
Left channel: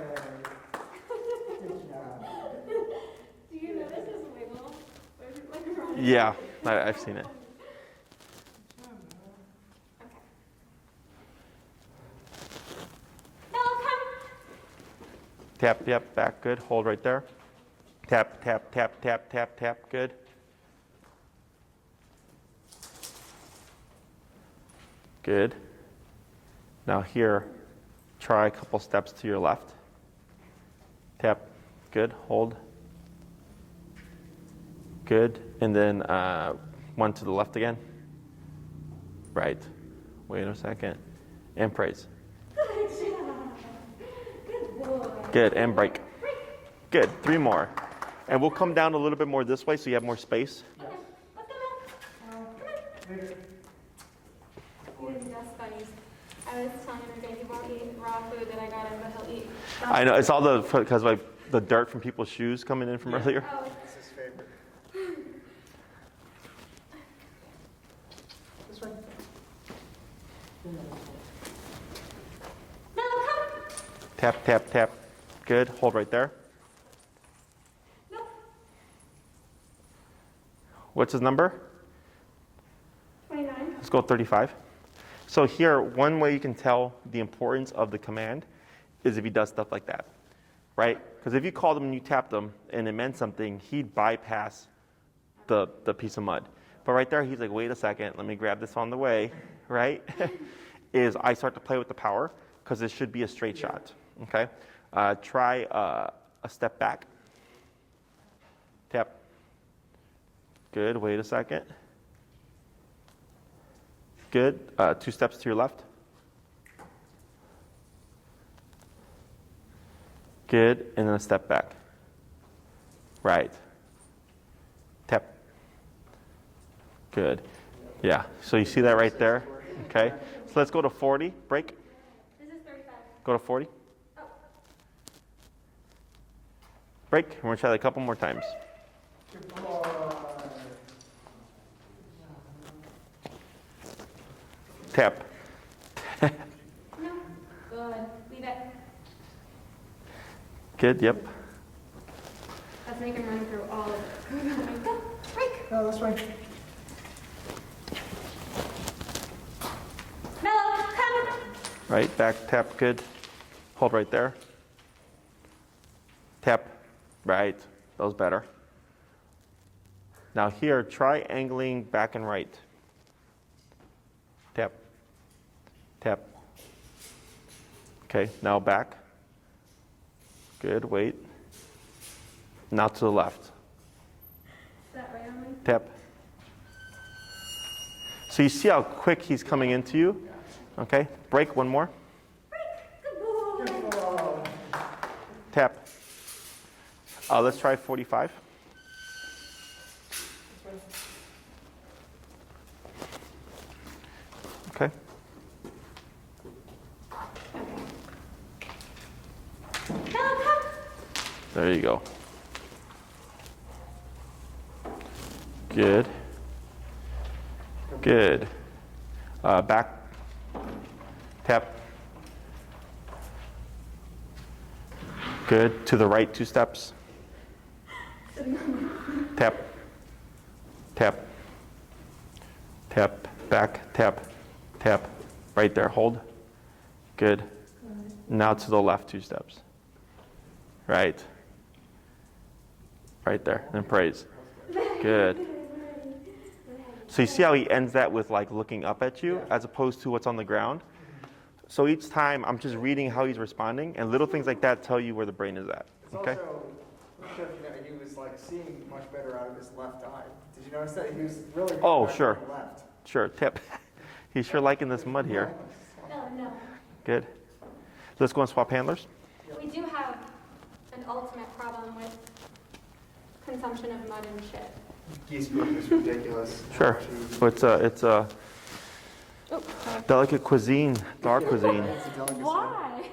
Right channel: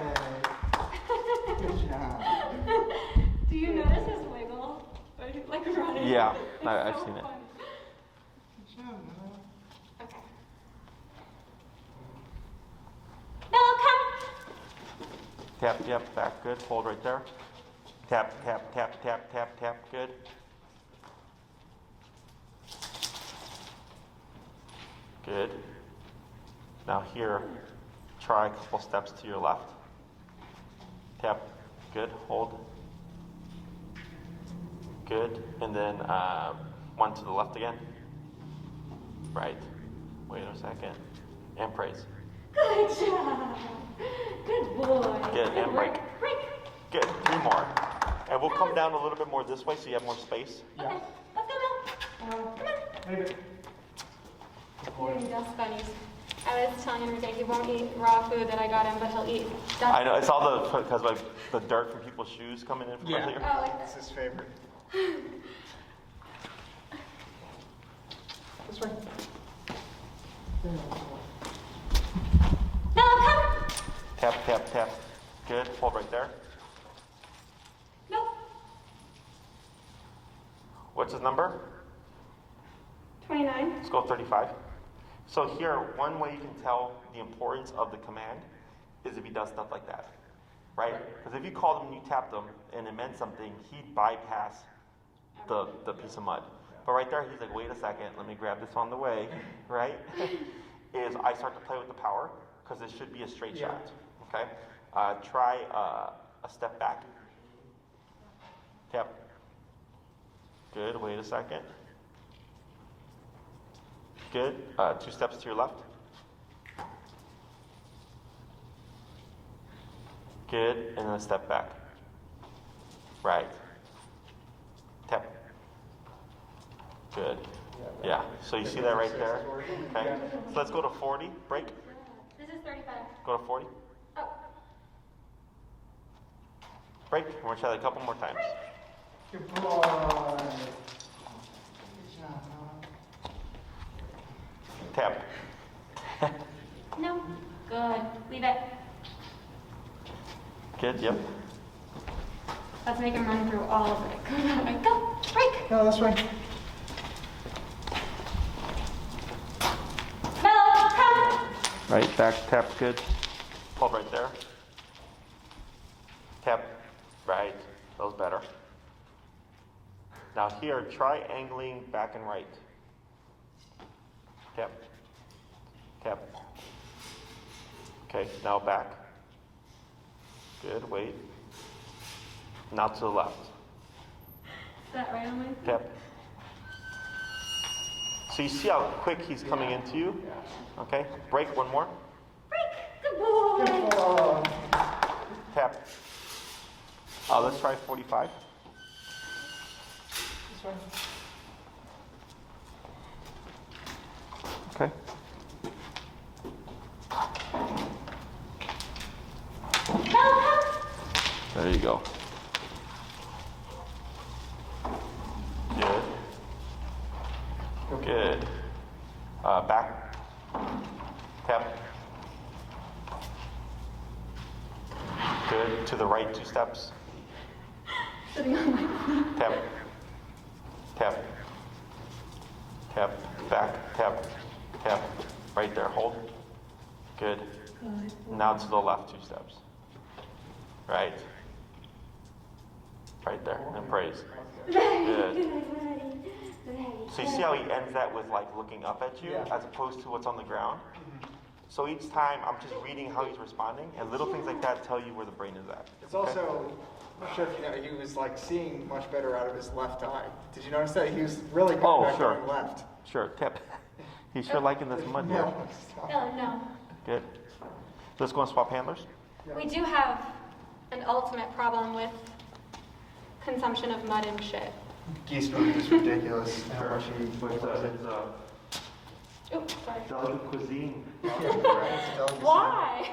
Do you notice his wiggle? Like running? Yeah, I've seen it. Okay. Melo, come. Tap, tap, back, good. Hold right there. Tap, tap, tap, tap, tap, tap, good. Good. Now here, try a couple steps to your left. Tap, good. Hold. Good. And then 1 to the left again. Right. Wait a second. And praise. Good job. Good boy. Good. And break. Break. Good. 3 more. And we'll come down a little bit more this way so you have more space. Okay. Let's go, Mel. Come on. He does funnies. I was telling him today he won't eat raw food that I got him, but he'll eat stuff. I know, it's all because like the dirt from people's shoes coming in from earlier. Oh, like That's his favorite. This way. Mel, come. Tap, tap, tap. Good. Hold right there. No. What's his number? 29. Let's go 35. So here, one way you can tell the importance of the command is if he does stuff like that, right? Because if you called him and you tapped him and it meant something, he'd bypass the piece of mud. But right there, he's like, wait a second, let me grab this on the way, right? Is I start to play with the power because this should be a straight shot, okay? Try a step back. Tap. Good, wait a second. Good, 2 steps to your left. Good, and then a step back. Right. Tap. Good. Yeah, so you see that right there? Okay, so let's go to 40, break. This is 35. Go to 40. Oh. Break, and we're gonna try that a couple more times. Good boy. Tap. No. Good. Leave it. Good, yep. Let's make him run through all of it. Go. Break. No, that's fine. Melo, come. Right, back, tap, good. Hold right there. Tap, right, that was better. Now here, try angling back and right. Tap, tap. Okay, now back. Good, wait. Now to the left. Is that right on my? Tap. So you see how quick he's coming into you? Okay, break one more. Break. Good boy. Oh, Tap. Let's try 45. that's fine. Okay. Melo, come. There you go. Good. Good. Back. Tap. Good. To the right, 2 steps. Sitting on my feet. Tap. Tap. Tap. Back. Tap. Tap. Right there. Hold. Good. Now to the left, 2 steps. Right. Right there. And praise. Good. So you see how he ends that with like looking up at you as opposed to what's on the ground? So each time I'm just reading how he's responding, and little things like that tell you where the brain is at. It's Okay? also, I'm sure you know, he was like seeing much better out of his left eye. Did you notice that? He was really good Oh, at sure. going left. Sure, tip. He's sure liking this mud here. No, stop. Melo, no. Good. Let's go and swap handlers. We do have an ultimate problem with consumption of mud and shit. Geese food is ridiculous. How Sure. much you- It's a Oops, sorry. delicate cuisine, our cuisine. It's a delicacy. Why?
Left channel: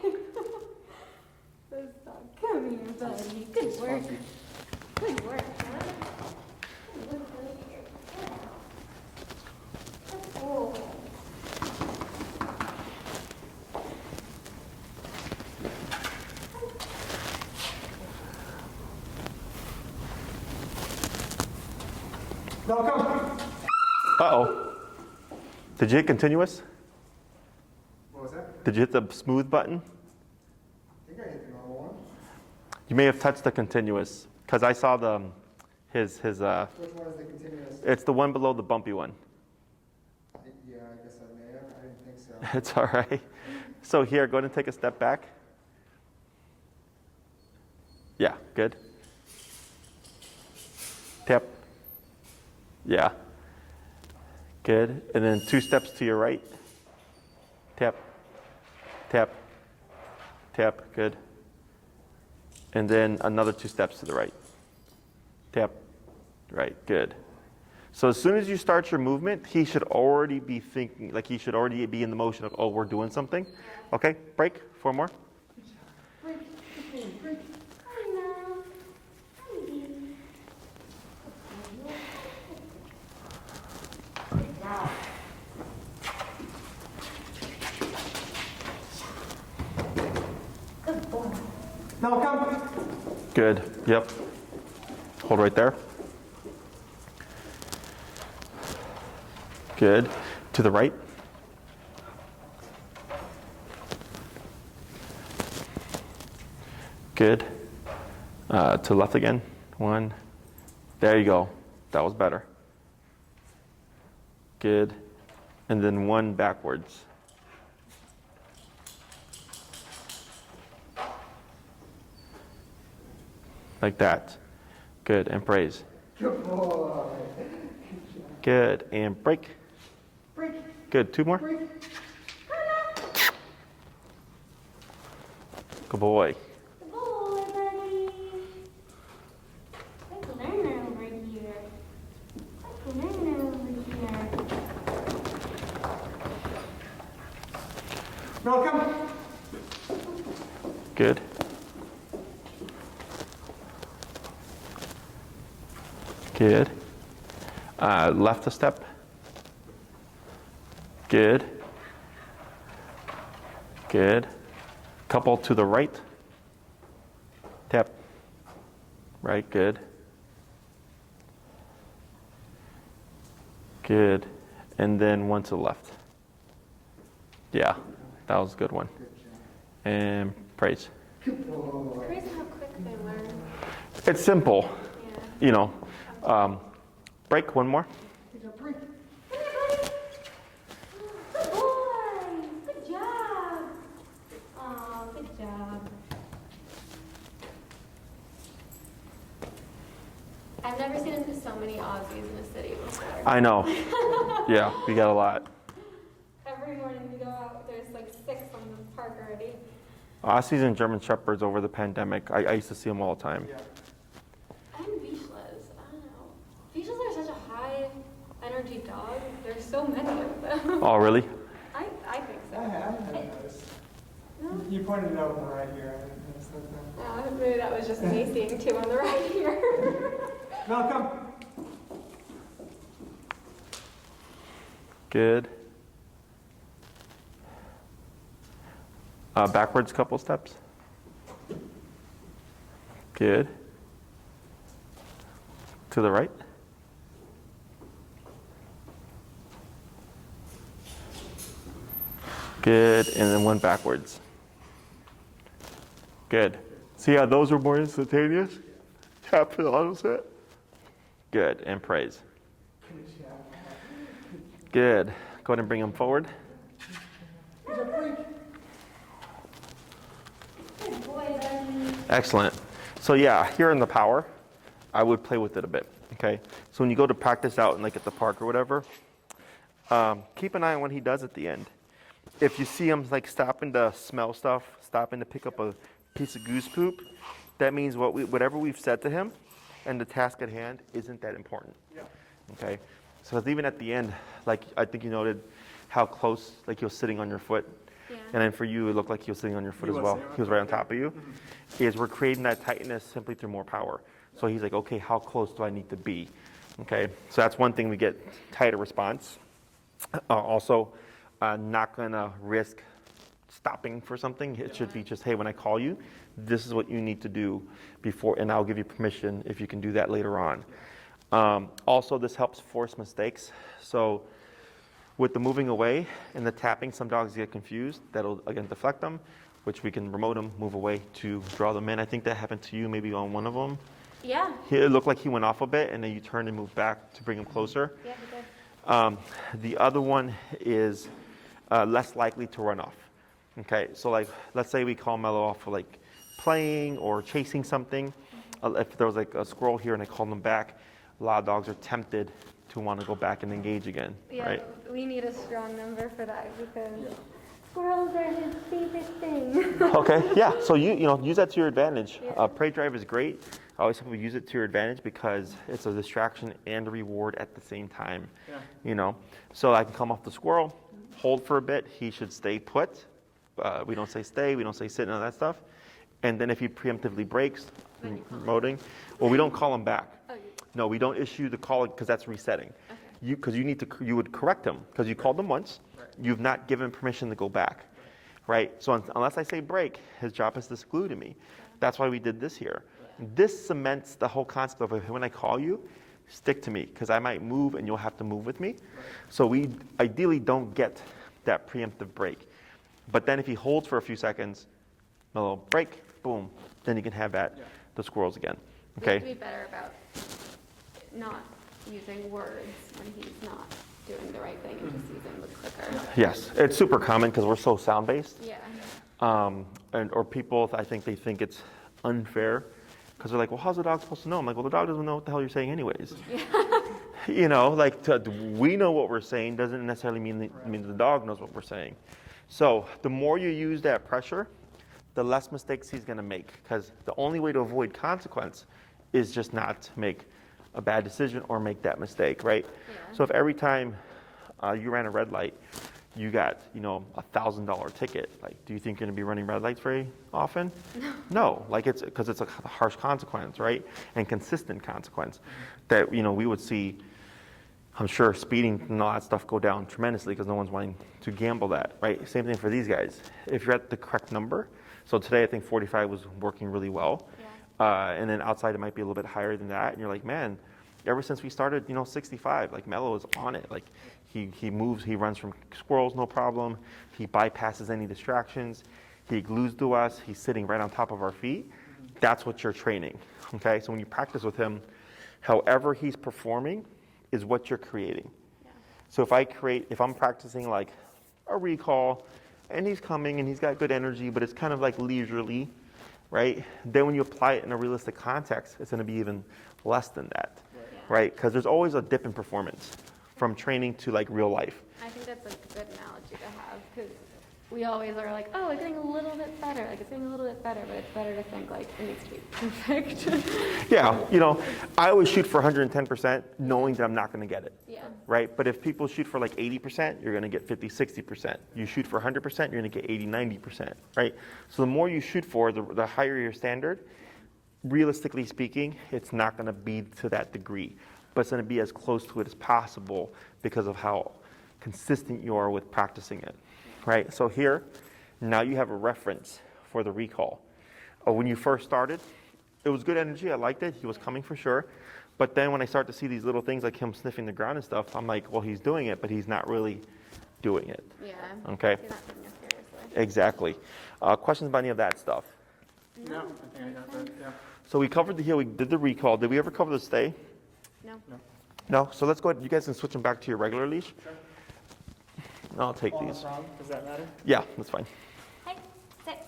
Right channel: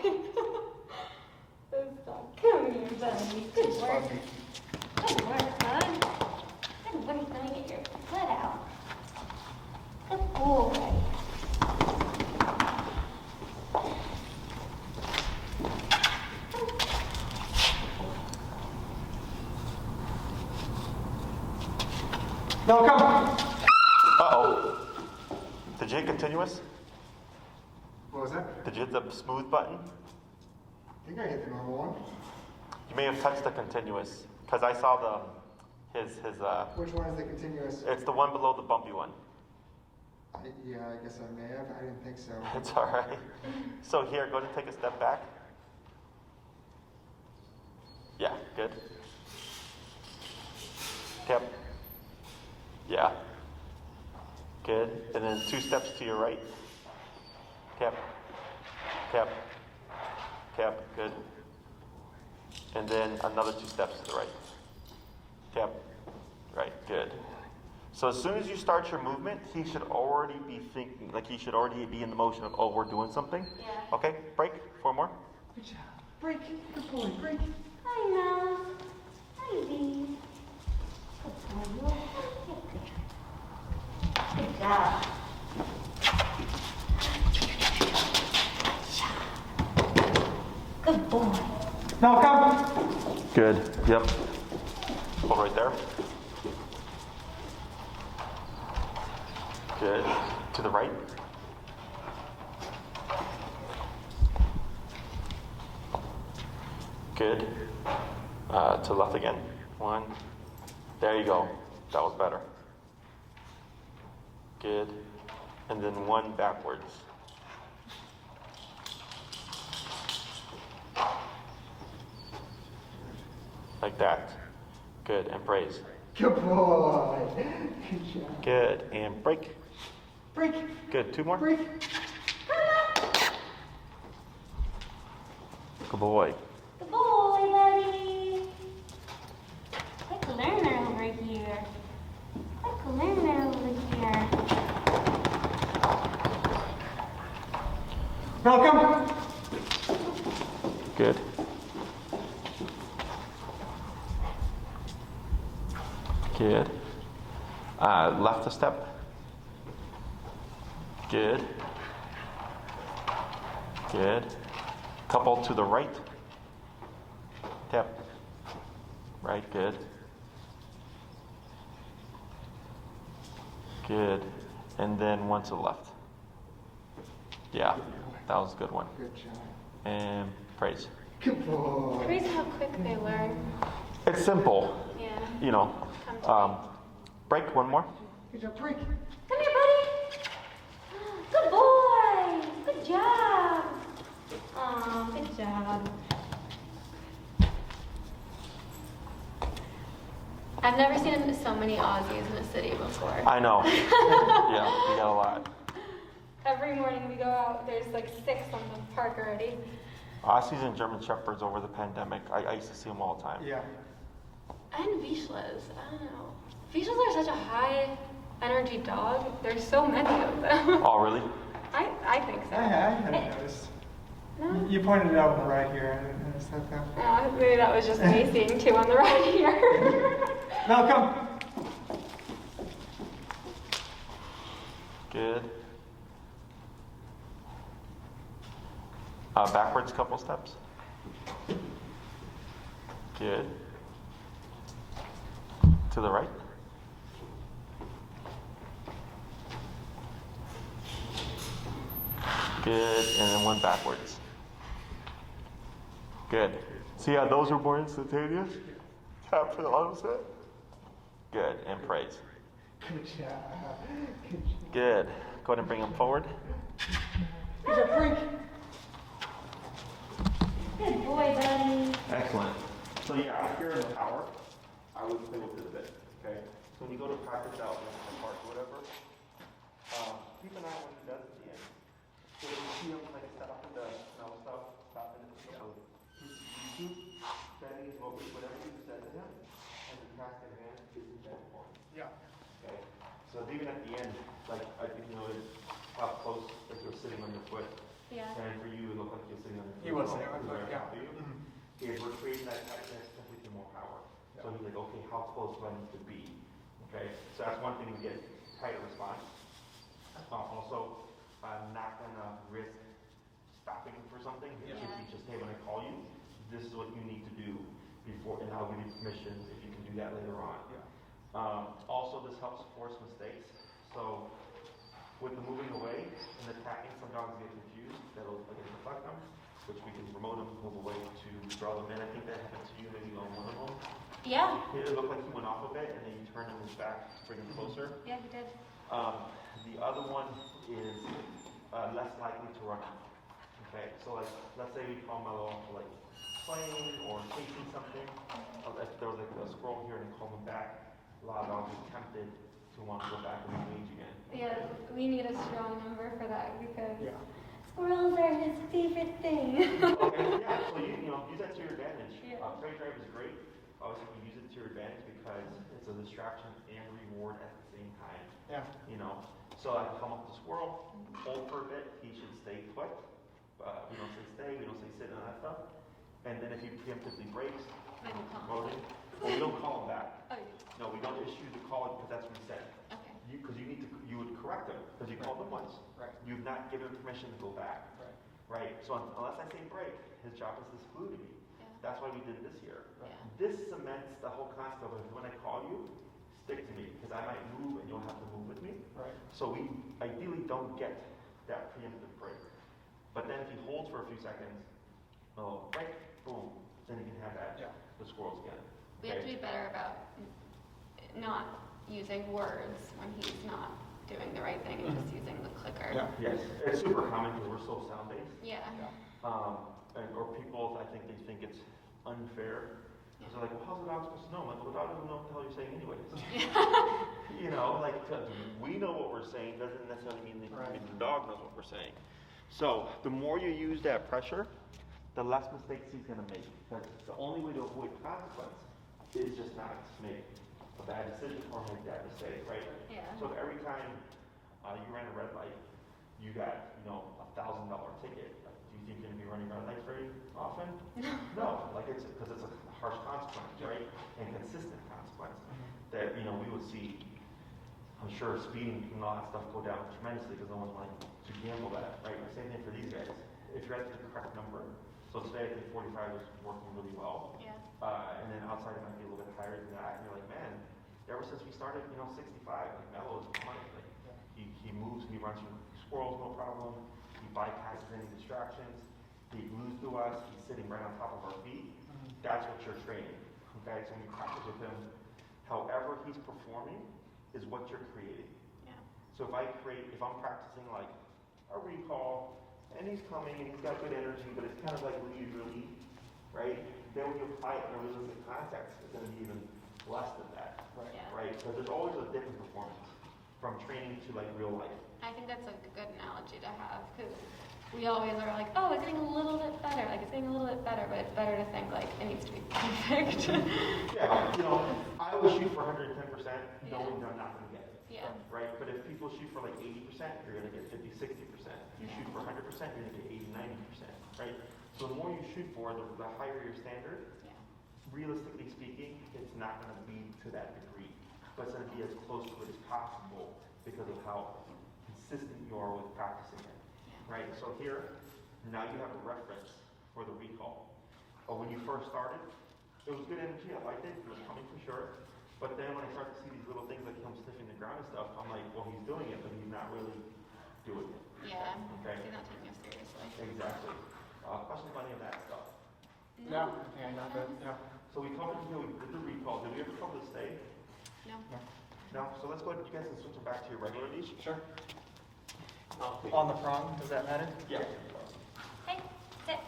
This dog. Come here, buddy. Good It's work. fluffy. Good work, bud. Good work. Let me get your foot out. Good boy. No, come. Uh-oh. Did you hit continuous? What was that? Did you hit the smooth button? I think I hit the normal one. You may have touched the continuous, because I saw the his Which one is the continuous? it's the one below the bumpy one. Yeah, I guess I may have. I didn't think so. It's all right. So here, go ahead and take a step back. Yeah, good. Tap. Yeah. Good. And then 2 steps to your right. Tap. Tap. Tap. Good. And then another 2 steps to the right. Tap. Right. Good. So as soon as you start your movement, he should already be thinking, like he should already be in the motion of, oh, we're doing something. Okay, break, 4 more. Break. Good boy, break. Hi, Mel. Hi, baby. Good job. Good boy. No, come. Good, yep. Hold right there. Good. To the right. Good. To the left again. 1. There you go. That was better. Good. And then one backwards. Like that. Good. And praise. Good boy. Good job. Good. And break. Break. Good. Two more. Break. Good boy. Good boy, buddy. Quick learner over here. Quick learner over here. Malcolm. Good. Good. Left a step. Good. Good. Couple to the right. Tap. Right, good. Good. And then one to the left. Yeah, that was a good one. Good job. And praise. Good boy. Crazy how quick they learn. It's simple, Yeah. you know. Break, one more. Good job. Break. Come here, buddy. Good boy. Good job. Aw, good job. I've never seen so many Aussies in a city before. I know. Yeah, we got a lot. Every morning we go out, there's like 6 on the park already. Aussies and German Shepherds over the pandemic, I used to see them all the time. Yeah. And Vizslas, I don't know. Vizslas are such a high energy dog. There's so many of them. Oh, really? I think so. I hadn't noticed. No? You pointed it out on the right here. I didn't notice that though. Oh, maybe that was just me seeing 2 on the right here. Malcolm. Good. Backwards couple steps. Good. To the right. Good, and then one backwards. Good. See how those are more instantaneous? Tap for the auto set. Good, and praise. Good job. Good. Go ahead and bring them forward. Good job. Break. Good boy, buddy. Excellent. So yeah, here in the power, I would play with it a bit, okay? So when you go to practice out, like at the park or whatever, keep an eye on what he does at the end. If you see him like stopping to smell stuff, stopping to pick up a piece of goose poop, that means whatever we've said to him and the task at hand isn't that important, Yeah. okay? So even at the end, like I think you noted how close, like he was sitting on your foot. Yeah. And then for you, it looked like he was sitting on your foot He as was well. sitting on He was right on top of you. Is we're creating that tightness simply through more power. So he's like, okay, how close do I need to be? Okay, so that's one thing we get tighter response. Also, not gonna risk stopping for something. It should be just, hey, when I call you, this is what you need to do before, and I'll give you permission if you can do that later on. Also, this helps force mistakes. So with the moving away and the tapping, some dogs get confused. That'll, again, deflect them, which we can remote them, move away to draw them in. I think that happened to you maybe on one of them. Yeah. It looked like he went off a bit, and then you turned and moved back to bring him closer. Yeah, good. The other one is less likely to run off. Okay, so like, let's say we call Melo off for like playing or chasing something. If there was like a squirrel here and I called him back, a lot of dogs are tempted to want to go back and engage again, Yeah, right? we need a strong number for that because squirrels are his favorite thing. Okay, yeah, so you know, use that to your advantage. Yeah. Prey drive is great. I always think we use it to your advantage because it's a distraction and a reward at the same time. Yeah. You know, so I can come off the squirrel, hold for a bit. He should stay put. We don't say stay, we don't say sit, none of that stuff. And then if he preemptively breaks, remoting, well, we don't call him back. Oh, No, we don't issue the call because that's resetting. okay. Because you would correct him because you called him once. You've not given permission to go back, right? So unless I say break, his job is to exclude to me. That's why we did this here. This cements the whole concept of when I call you, stick to me because I might move and you'll have to move with me. So we ideally don't get that preemptive break. But then if he holds for a few seconds, a little break, boom, then you can have that, the squirrels again. We have Okay? to be better about not using words when he's not doing the right thing and just using the clicker. Yes, it's super common because we're so sound-based. Yeah. Or people, I think they think it's unfair because they're like, well, how's the dog supposed to know? I'm like, well, the dog doesn't know what the hell you're saying anyways. You know, like we know what we're saying doesn't necessarily mean the dog knows what we're saying. So the more you use that pressure, the less mistakes he's going to make, because the only way to avoid consequence is just not to make a bad decision or make that mistake, right? Yeah. So if every time you ran a red light, you got, $1,000 ticket, like, do you think you're going to be running red lights very often? No, like because it's a harsh consequence, right? And consistent consequence that, we would see, I'm sure, speeding and all that stuff go down tremendously because no one's wanting to gamble that, right? Same thing for these guys. If you're at the correct number, so today I think 45 was working really well. Yeah. And then outside it might be a little bit higher than that. And you're like, man, ever since we started, 65, like Melo is on it. Like he moves, he runs from squirrels, no problem. He bypasses any distractions. He glues to us. He's sitting right on top of our feet. That's what you're training, okay? So when you practice with him, however he's performing is what you're creating. Yeah. So if I'm practicing like a recall and he's coming and he's got good energy, but it's kind of like leisurely, right? Then when you apply it in a realistic context, it's going to be even less than that, right? Because there's always a dip in performance from training to like real life. I think that's a good analogy to have, because we always are like, oh, it's getting a little bit better, like it's getting a little bit better, but it's better to think like it needs to be perfect. Yeah, I always shoot for 110% knowing that I'm not going to get it. Yeah. Right? But if people shoot for like 80%, you're going to get 50, 60%. You shoot for 100%, you're going to get 80, 90%, right? So the more you shoot for, the higher your standard. Realistically speaking, it's not going to be to that degree, but it's going to be as close to it as possible because of how consistent you are with practicing it, right? So here, now you have a reference for the recall. When you first started, it was good energy. I liked it. He was coming for sure. But then when I start to see these little things like him sniffing the ground and stuff, I'm like, well, he's doing it, but he's not really doing it. Yeah. Okay. He's not taking it seriously. Exactly. Questions about any of that stuff? No, I think I know that, yeah. So we covered the heel, we did the recall. Did we ever cover the stay? No. No? So let's go ahead. You guys can switch them back to your regular leash. Sure. I'll take On the these. prong, does that matter? Yeah, that's fine. Hey, sit.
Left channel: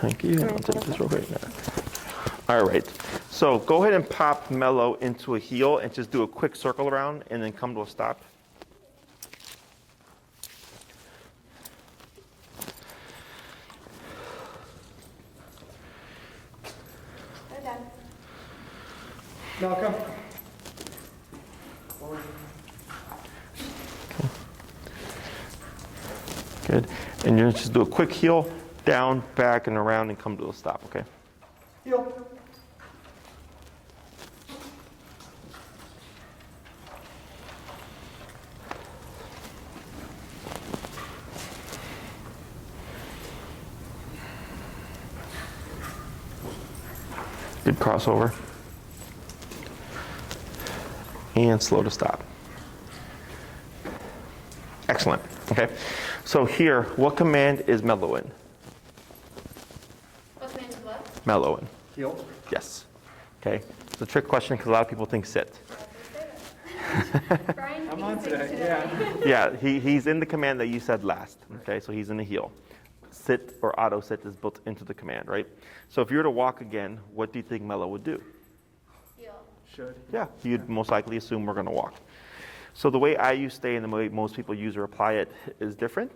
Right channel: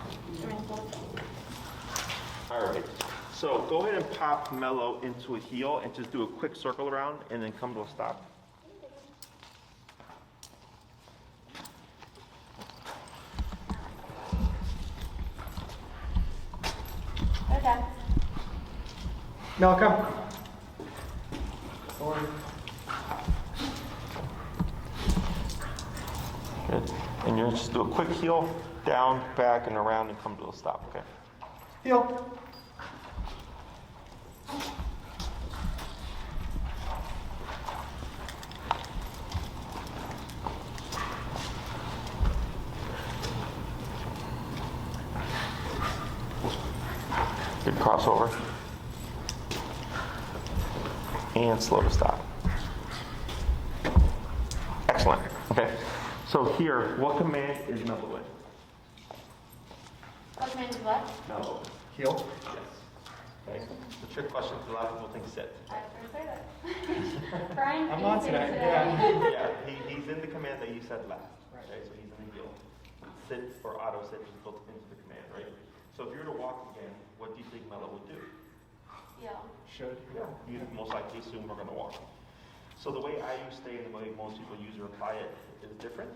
Thank you. I'll take this real quick. All right. So go ahead and pop Melo into a heel and just do a quick circle around and then come to a stop. Okay. No, come. Forward. Good. And you're just do a quick heel, down, back, and around, and come to a stop, okay? Heel. Good crossover. And slow to stop. Excellent. Okay. So here, what command is Melo in? What means what? Melo in. Heel. Yes. Okay. It's a trick question because a lot of people think sit. I was going to say that. Brian, I'm on easy today, today. yeah. Yeah, he's in the command that you said last. Okay, so he's in the heel. Sit or auto sit is built into the command, right? So if you were to walk again, what do you think Melo would do? Heel. Should. Yeah, you'd most likely assume we're going to walk. So the way I use stay and the way most people use or apply it is different.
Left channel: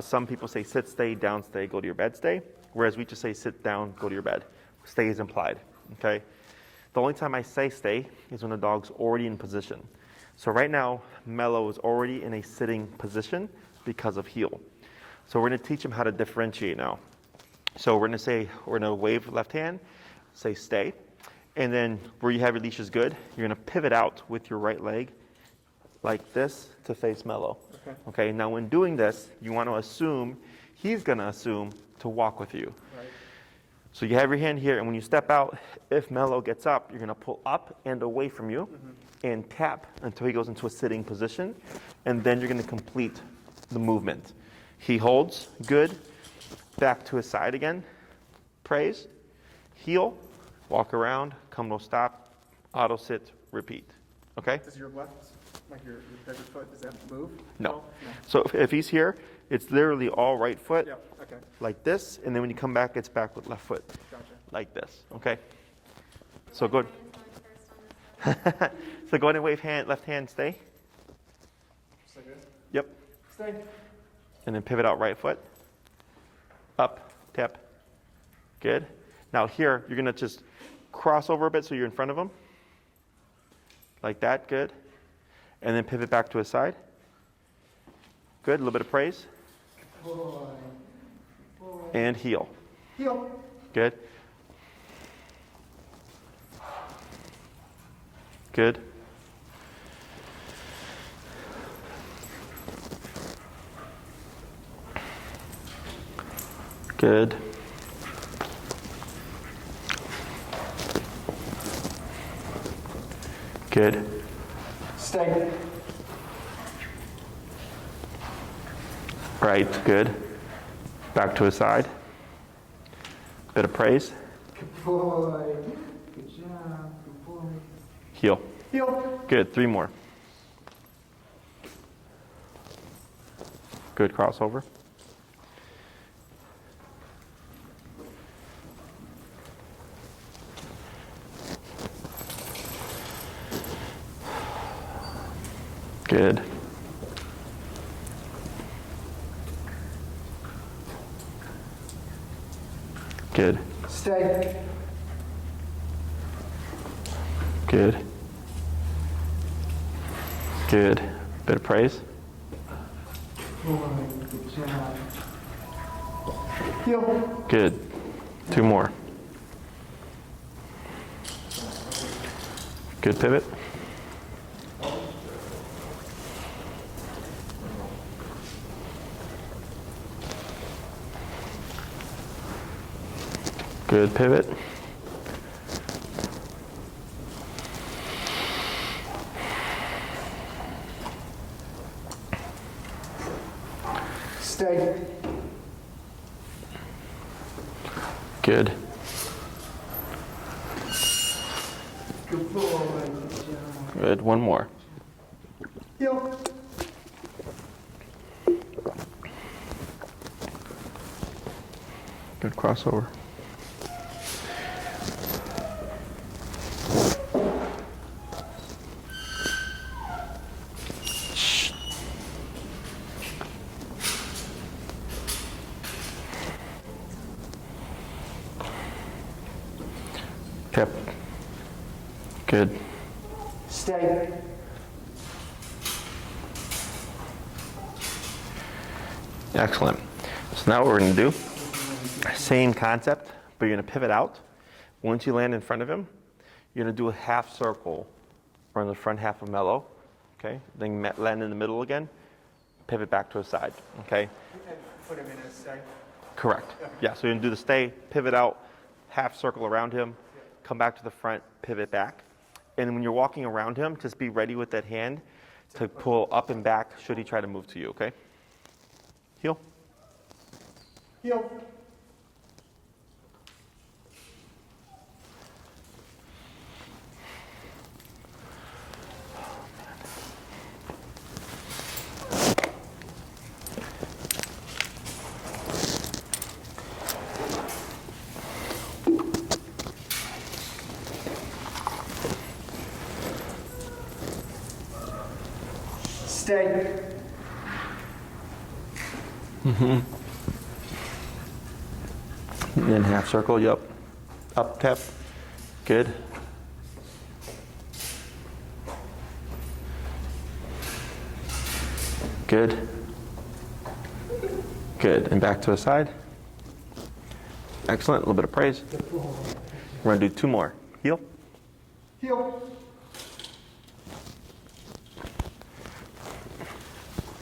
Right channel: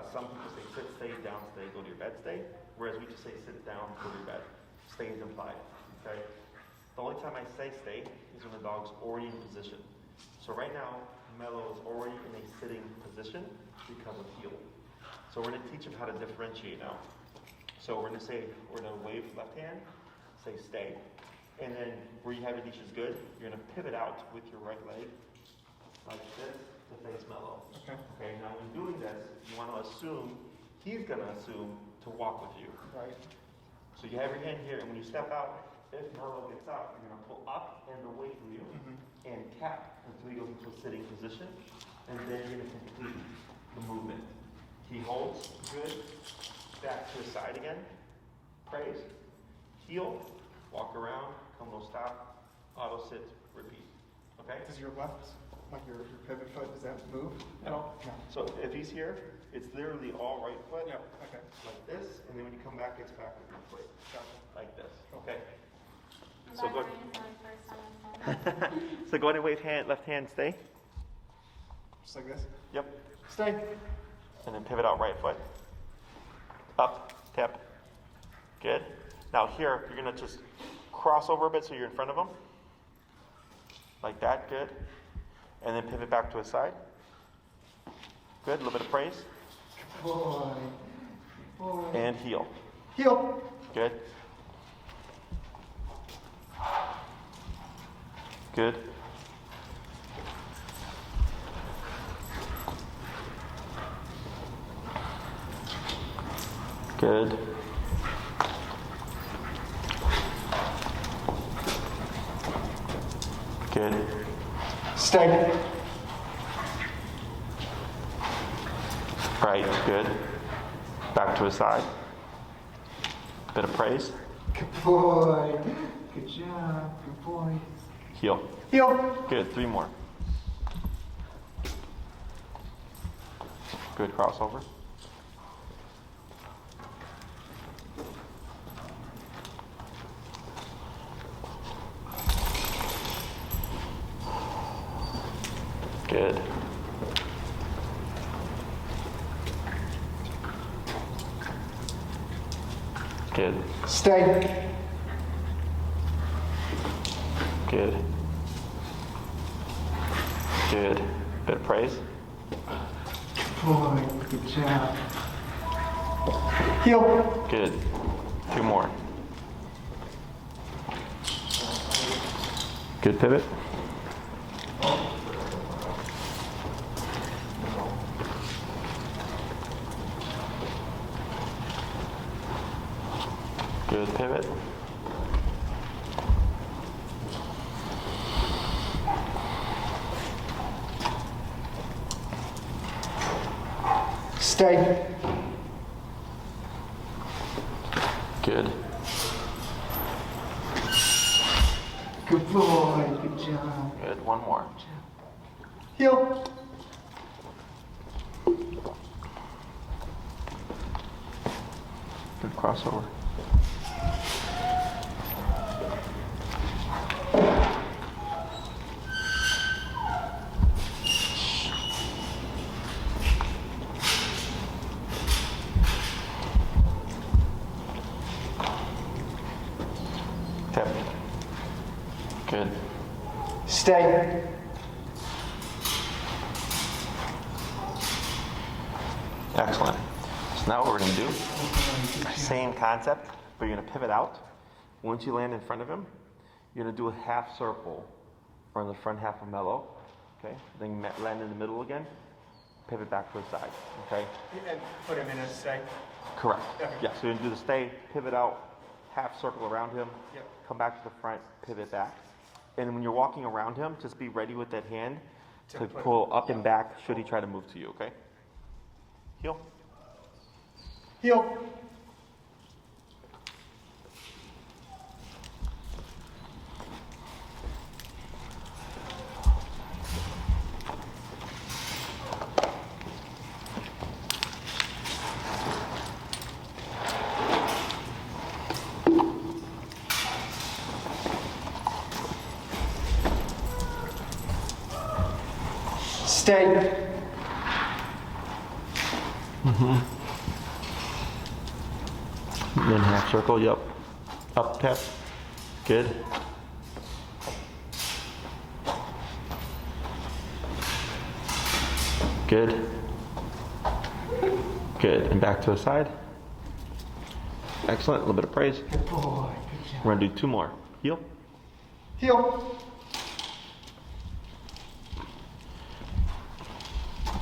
Some people say sit, stay, down, stay, go to your bed, stay. Whereas we just say sit down, go to your bed. Stay is implied, okay? The only time I say stay is when the dog's already in position. So right now, Melo is already in a sitting position because of heel. So we're going to teach him how to differentiate now. So we're going to wave left hand, say stay. And then where you have your leash is good, you're going to pivot out with your right leg like this to face Melo. Okay. Okay, now when doing this, you want to assume, he's going to assume to walk with you. Right. So you have your hand here, and when you step out, if Melo gets up, you're going to pull up and away from you and tap until he goes into a sitting position, and then you're going to complete the movement. He holds, good, back to his side again, praise, heel, walk around, come no stop, auto sit, repeat. Okay? Does your left, like your pivot foot, does that move? No. So if he's here, it's literally all right foot, Yeah, okay, like this, and then when you come back, it's back with left foot, gotcha. like this. Okay? So go. So go ahead and wave hand, left hand, stay. Just like this? Yep. Stay. And then pivot out right foot. Up, tap. Good. Now here, you're gonna just cross over a bit so you're in front of him. Like that, good. And then pivot back to his side. Good, a little bit of praise. Boy. Boy. And heel. Heel. Good. Good. Good. Good. Stay. Right, good. Back to his side. Bit of praise. Good boy. Good job. Good boy. Heel. Heel. Good, 3 more. Good crossover. Good. Good. Stay. Good. Good. Bit of praise. Boy, good job. Heel. Good. 2 more. Good pivot. Good pivot. Stay. Good. Good boy. Good job. Good. 1 more. Heel. Good crossover. Tip. Good. Stay. Excellent. So now what we're going to do, same concept, but you're going to pivot out. Once you land in front of him, you're going to do a half circle from the front half of Melo. Okay? Then land in the middle again, pivot back to his side. Okay? And put him in a stay. Correct. Okay. Yeah, so you're going to do the stay, pivot out, half circle around him, Yep. come back to the front, pivot back. And when you're walking around him, just be ready with that hand to pull up and back should he try to move to you, okay? Heel. Heel. Stay. And then half circle, yep. Up, tap. Good. Good. Good. And back to the side. Excellent. A little bit of praise. Good boy. We're going to do 2 more. Heel. Heel.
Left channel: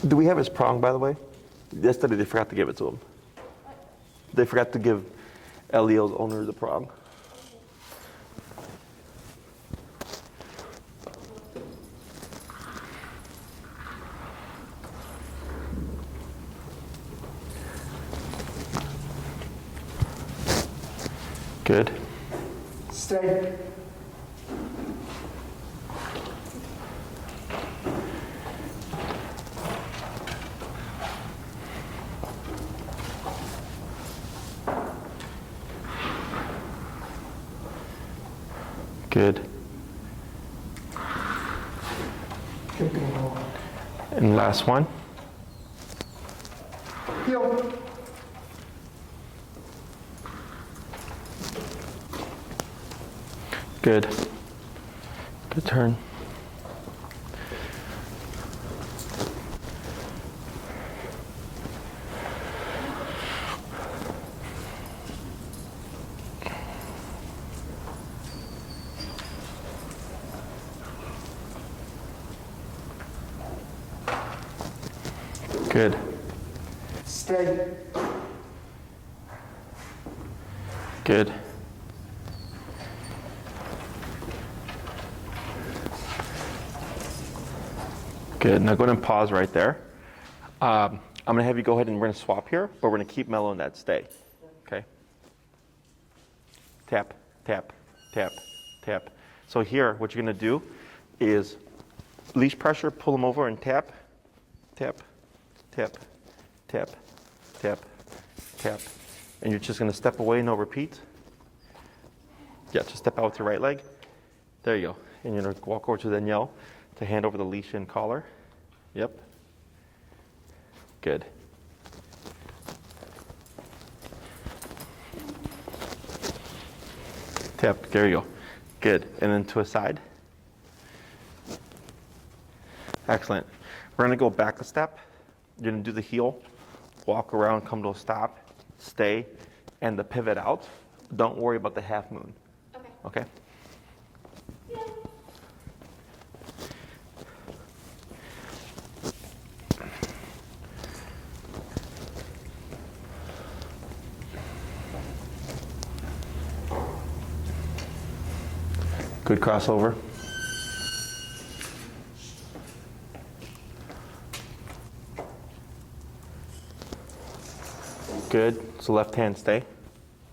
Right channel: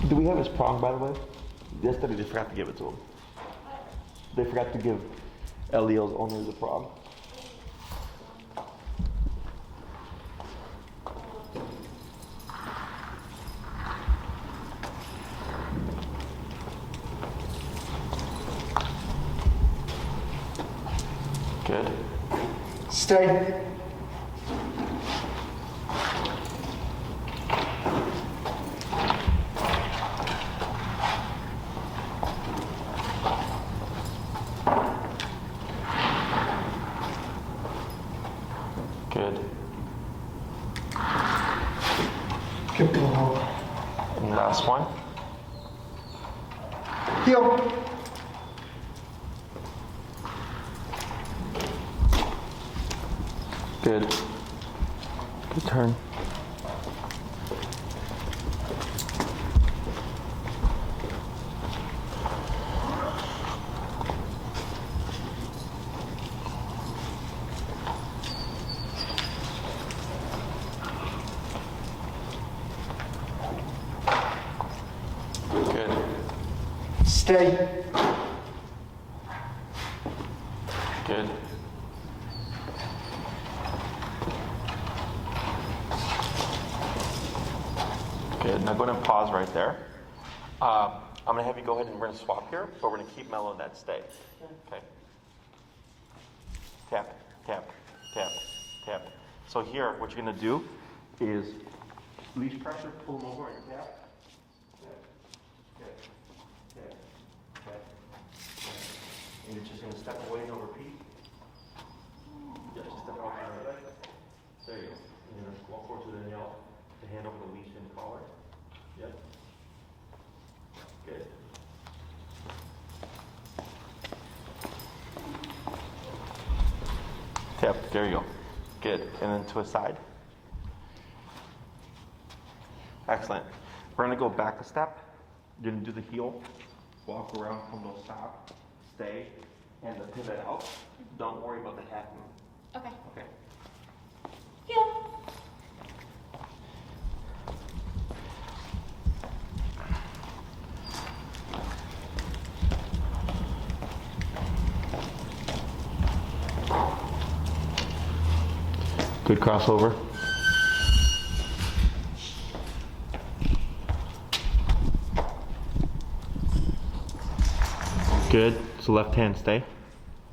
Do we have his prong, by the way? Yesterday they forgot to give it to him. They forgot to give Elio's owner the prong. Good. Stay. Good. Keep going. And last one. Heel. Good. Good turn. Good. Stay. Good. Good. Now go ahead and pause right there. I'm going to have you go ahead and we're going to swap here, but we're going to keep Melo in that stay. Okay? Tap, tap, tap, tap. So here, what you're going to do is leash pressure, pull him over and tap, tap, tap, tap, tap, tap. And you're just going to step away and no repeat. Yeah, just step out with your right leg. There you go. And you're going to walk over to Danielle to hand over the leash and collar. Yep. Good. Tap. There you go. Good. And then to a side. Excellent. We're going to go back a step. You're going to do the heel, walk around, come to a stop, stay, and the pivot out. Don't worry about the half moon. Okay. Okay? Heel. Good crossover. Good. So left hand stay.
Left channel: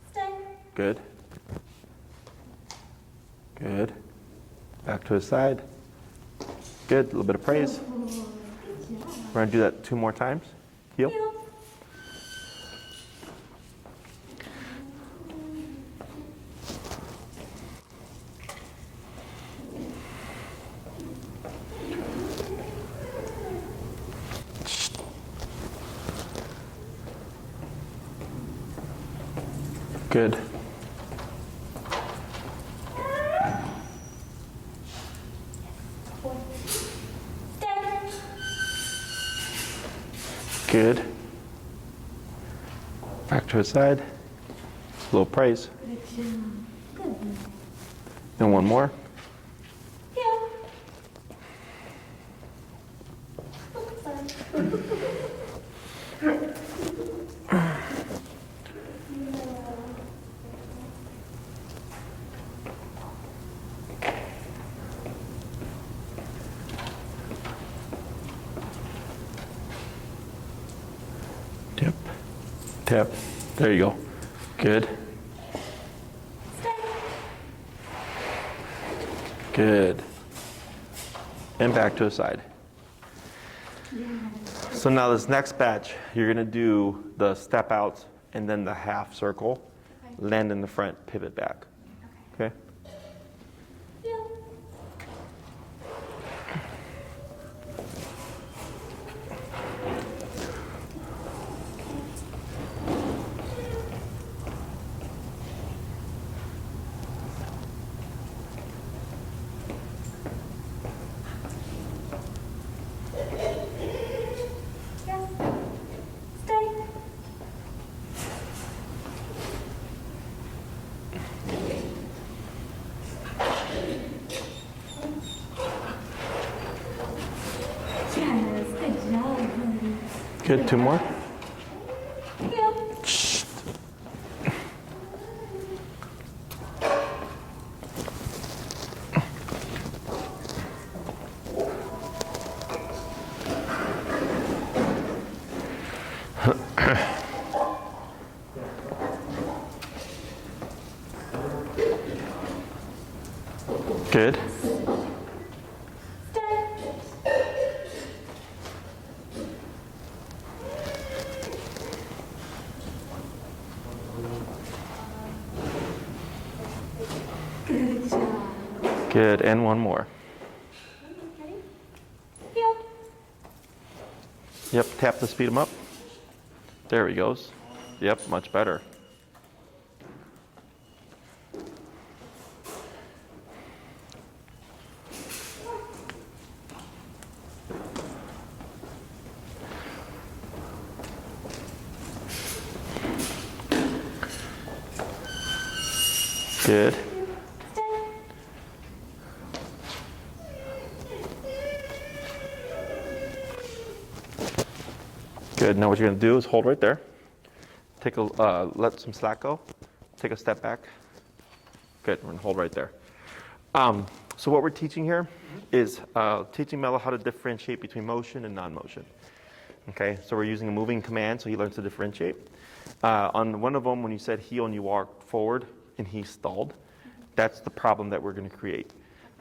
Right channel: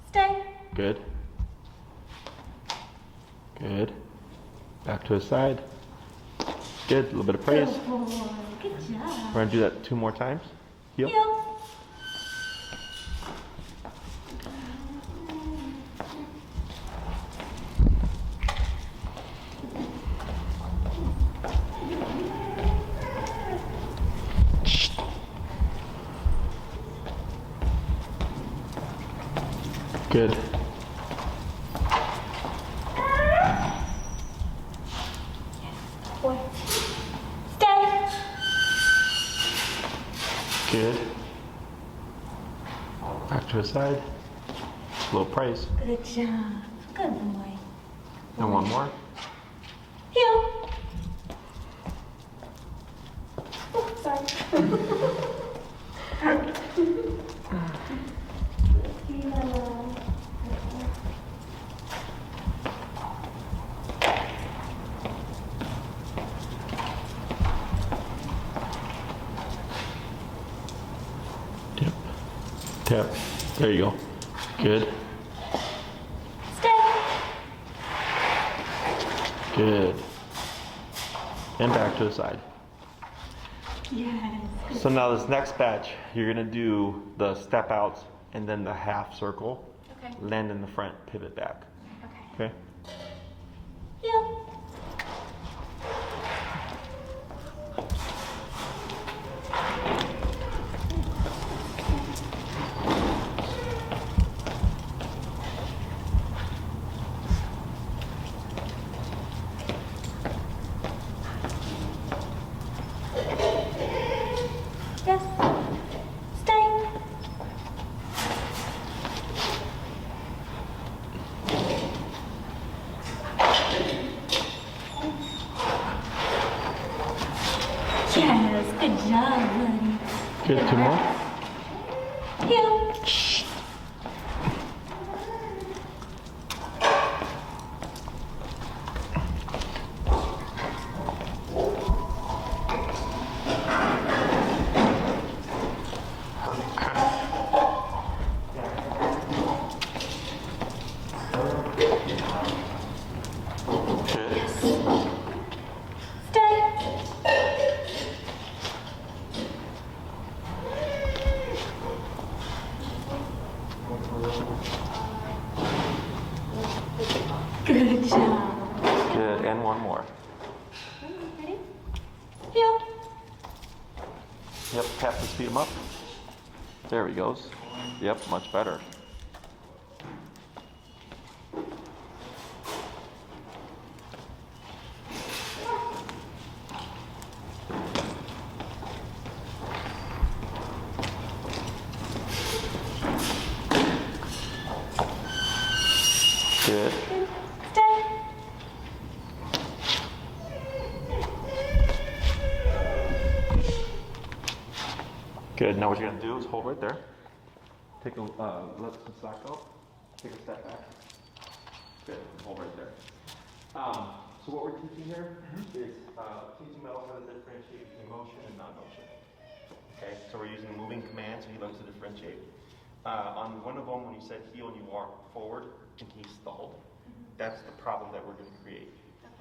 Stay. Good. Good. Back to his side. Good. A little bit of praise. Good boy. Good job. We're going to do that 2 more times. Heel. Heel. Good. Boy. Stay. Good. Back to his side. A little praise. Good job. Good boy. Then one more. Heel. Oh, sorry. Tap. Tap. There you go. Good. Stay. Good. And back to his side. Yes. So now this next batch, you're gonna do the step outs and then the half circle, Okay. land in the front, pivot back. Okay. Okay? Heel. Yes. Stay. Yes. Good job, buddy. Good. 2 more. Heel. Shh. Good. Stay. Good job. Good. And one more. Ready? Heel. Yep. Tap to speed him up. There he goes. Yep. Much better. Good. Stay. Good. Now what you're gonna do is hold right there. Take a let some slack go. Take a step back. Good. We're gonna hold right there. So what we're teaching here is teaching Melo how to differentiate between motion and non-motion. Okay. So we're using a moving command, so he learns to differentiate. On one of them, when you said heel and you walked forward and he stalled, that's the problem that we're going to create.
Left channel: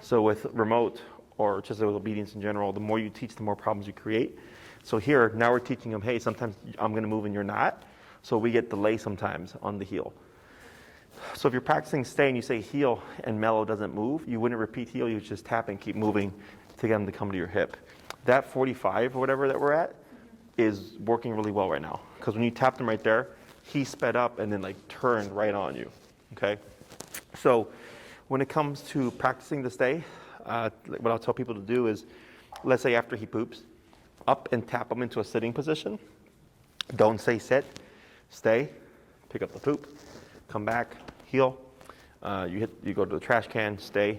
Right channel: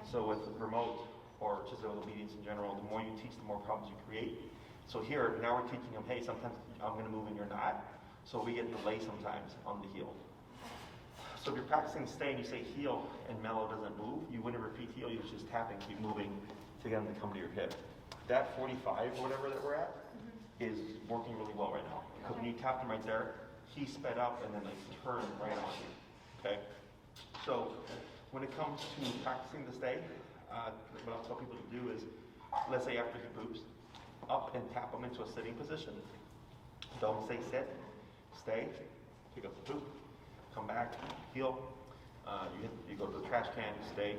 So with remote or just with obedience in general, the more you teach, the more problems you create. So here, now we're teaching him, hey, sometimes I'm going to move and you're not. So we get delay sometimes on the heel. So if you're practicing stay and you say heel and Melo doesn't move, you wouldn't repeat heel, you would just tap and keep moving to get him to come to your hip. That 45 or whatever that we're at is working really well right now. Because when you tapped him right there, he sped up and then like turned right on you, okay? So when it comes to practicing the stay, what I'll tell people to do is, let's say after he poops, up and tap him into a sitting position. Don't say sit, stay, pick up the poop, come back, heel. You go to the trash can, stay,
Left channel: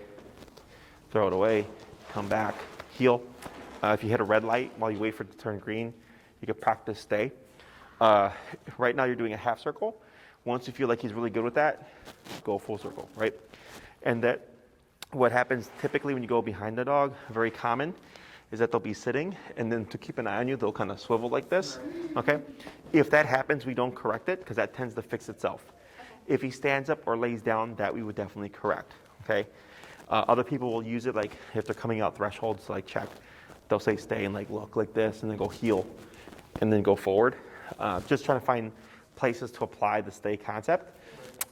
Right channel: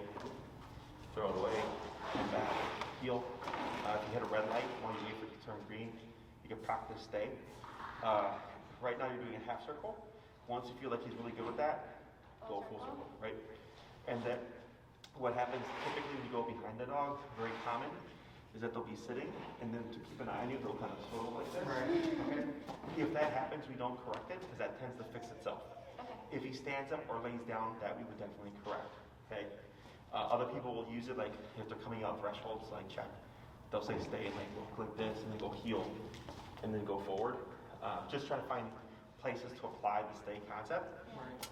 throw it away, come back, heel. If you hit a red light while you wait for it to turn green, you can practice stay. Right now you're doing a half circle. Once you feel like he's really good with that, go full circle, right? And that what happens typically when you go behind the dog, very common, is that they'll be sitting and then to keep an eye on you, they'll kind of swivel like this, okay? If that happens, we don't correct it because that tends to fix itself. If he stands up or lays down, that we would definitely correct, okay? Other people will use it like if they're coming out thresholds to like check, they'll say stay and like look like this and then go heel and then go forward. Just trying to find places to apply the stay concept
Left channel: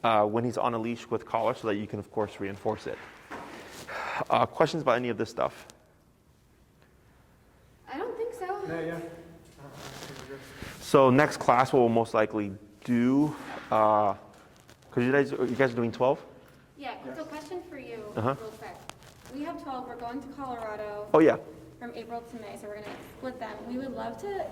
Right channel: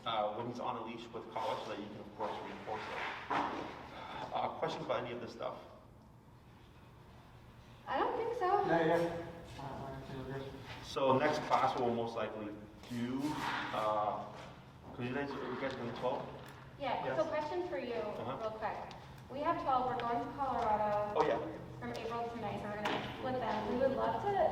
when he's on a leash with collar so that you can, of course, reinforce it. Questions about any of this stuff? I don't think so. So next class we'll most likely do, because you guys are doing 12? Yeah, so question for you, Uh-huh. real quick. We have 12, we're going to Colorado Oh yeah. from April to May, so we're gonna split them. We would love to,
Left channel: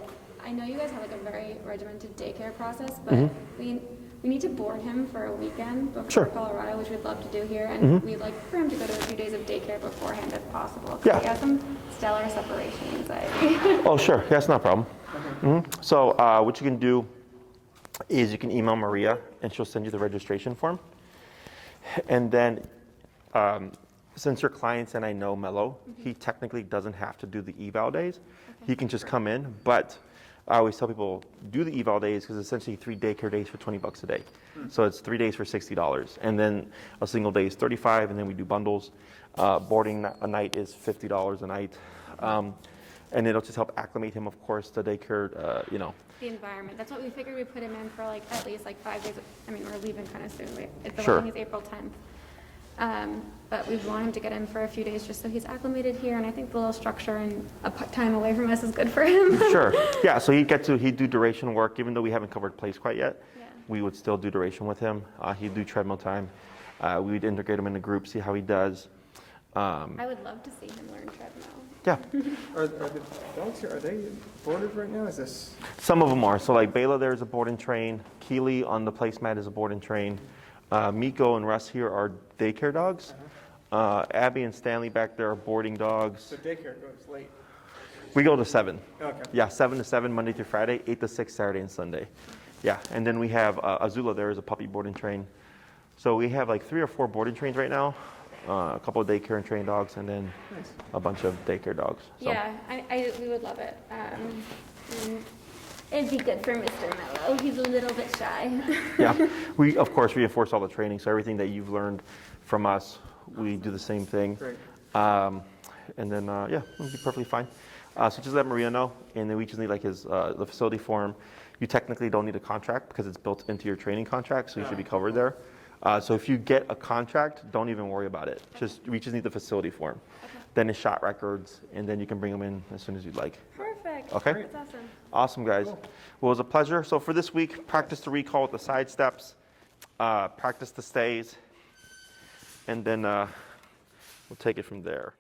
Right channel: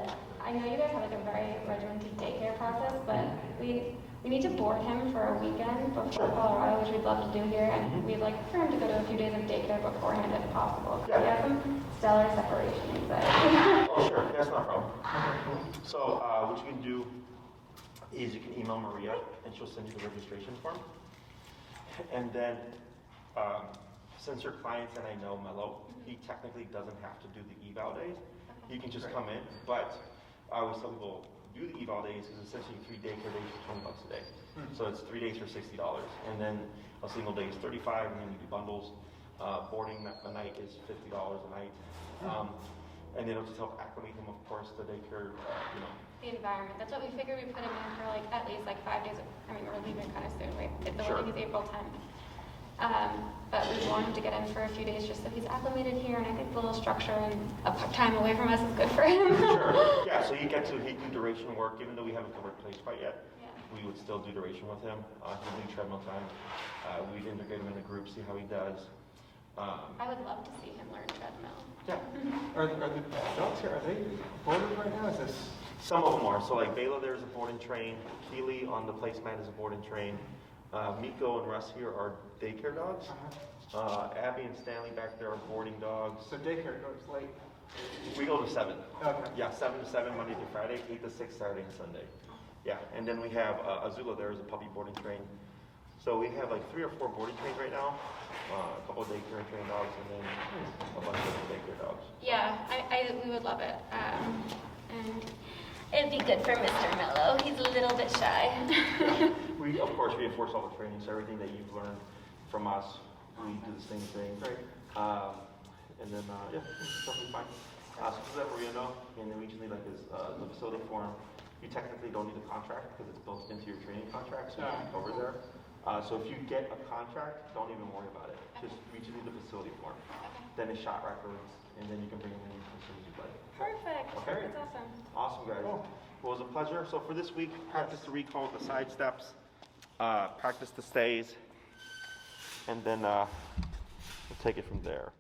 I know you guys have like a very regimented daycare process, but we need to board him for a weekend before Sure. Colorado, which we'd love to do here, and we'd like for him to go to a few days of daycare beforehand if possible. 'Cause Yeah. he has some stellar separation anxiety. Oh sure, that's not a problem. So what you can do is you can email Maria and she'll send you the registration form. And then since your clients and I know Melo, he technically doesn't have to do the eval days. He can just come in, but I always tell people do the eval days because it's essentially 3 daycare days for $20 a day. So it's 3 days for $60, and then a single day is $35, and then we do bundles. Boarding a night is $50 a night, and it'll just help acclimate him, of course, to daycare. The environment, that's what we figured we'd put him in for like at least like 5 days. I mean, we're leaving kind of soon, right? The Sure. wedding is April 10th. But we want him to get in for a few days just so he's acclimated here, and I think the little structure and time away from us is good for him. Sure. Yeah. So he'd do duration work, even though we haven't covered place quite yet. Yeah. We would still do duration with him. He'd do treadmill time. We'd integrate him in the group, see how he does. I would love to see him learn treadmill. Yeah. Are the dogs here, are they boarded right now? Is this? Some of them are. So like Bela there is a board and train. Keely on the placemat is a board and train. Miko and Russ here are daycare dogs. Abby and Stanley back there are boarding dogs. So daycare goes late. We go to 7. Okay. Yeah, 7 to 7 Monday through Friday, 8 to 6 Saturday and Sunday. Yeah, and then we have Azula there is a puppy board and train. So we have like 3 or 4 board and trains right now. A couple of daycare and train dogs, and then a bunch of daycare dogs. So. Yeah, we would love it. It'd be good for Mr. Melo. He's a little bit shy. Yeah, we of course reinforce all the training, so everything that you've learned from us, we do the same thing. Great. And then, yeah, we'll be perfectly fine. So just let Maria know, and then we just need like the facility form. You technically don't need a contract because it's built into your training contract, so you should be covered there. So if you get a contract, don't even worry about it. We just need the facility form. Then it's shot records, and then you can bring them in as soon as you'd like. Perfect. Okay? That's awesome. Awesome, guys. Well, it was a pleasure. So for this week, practice the recall with the side steps, practice the stays, and then we'll take it from there.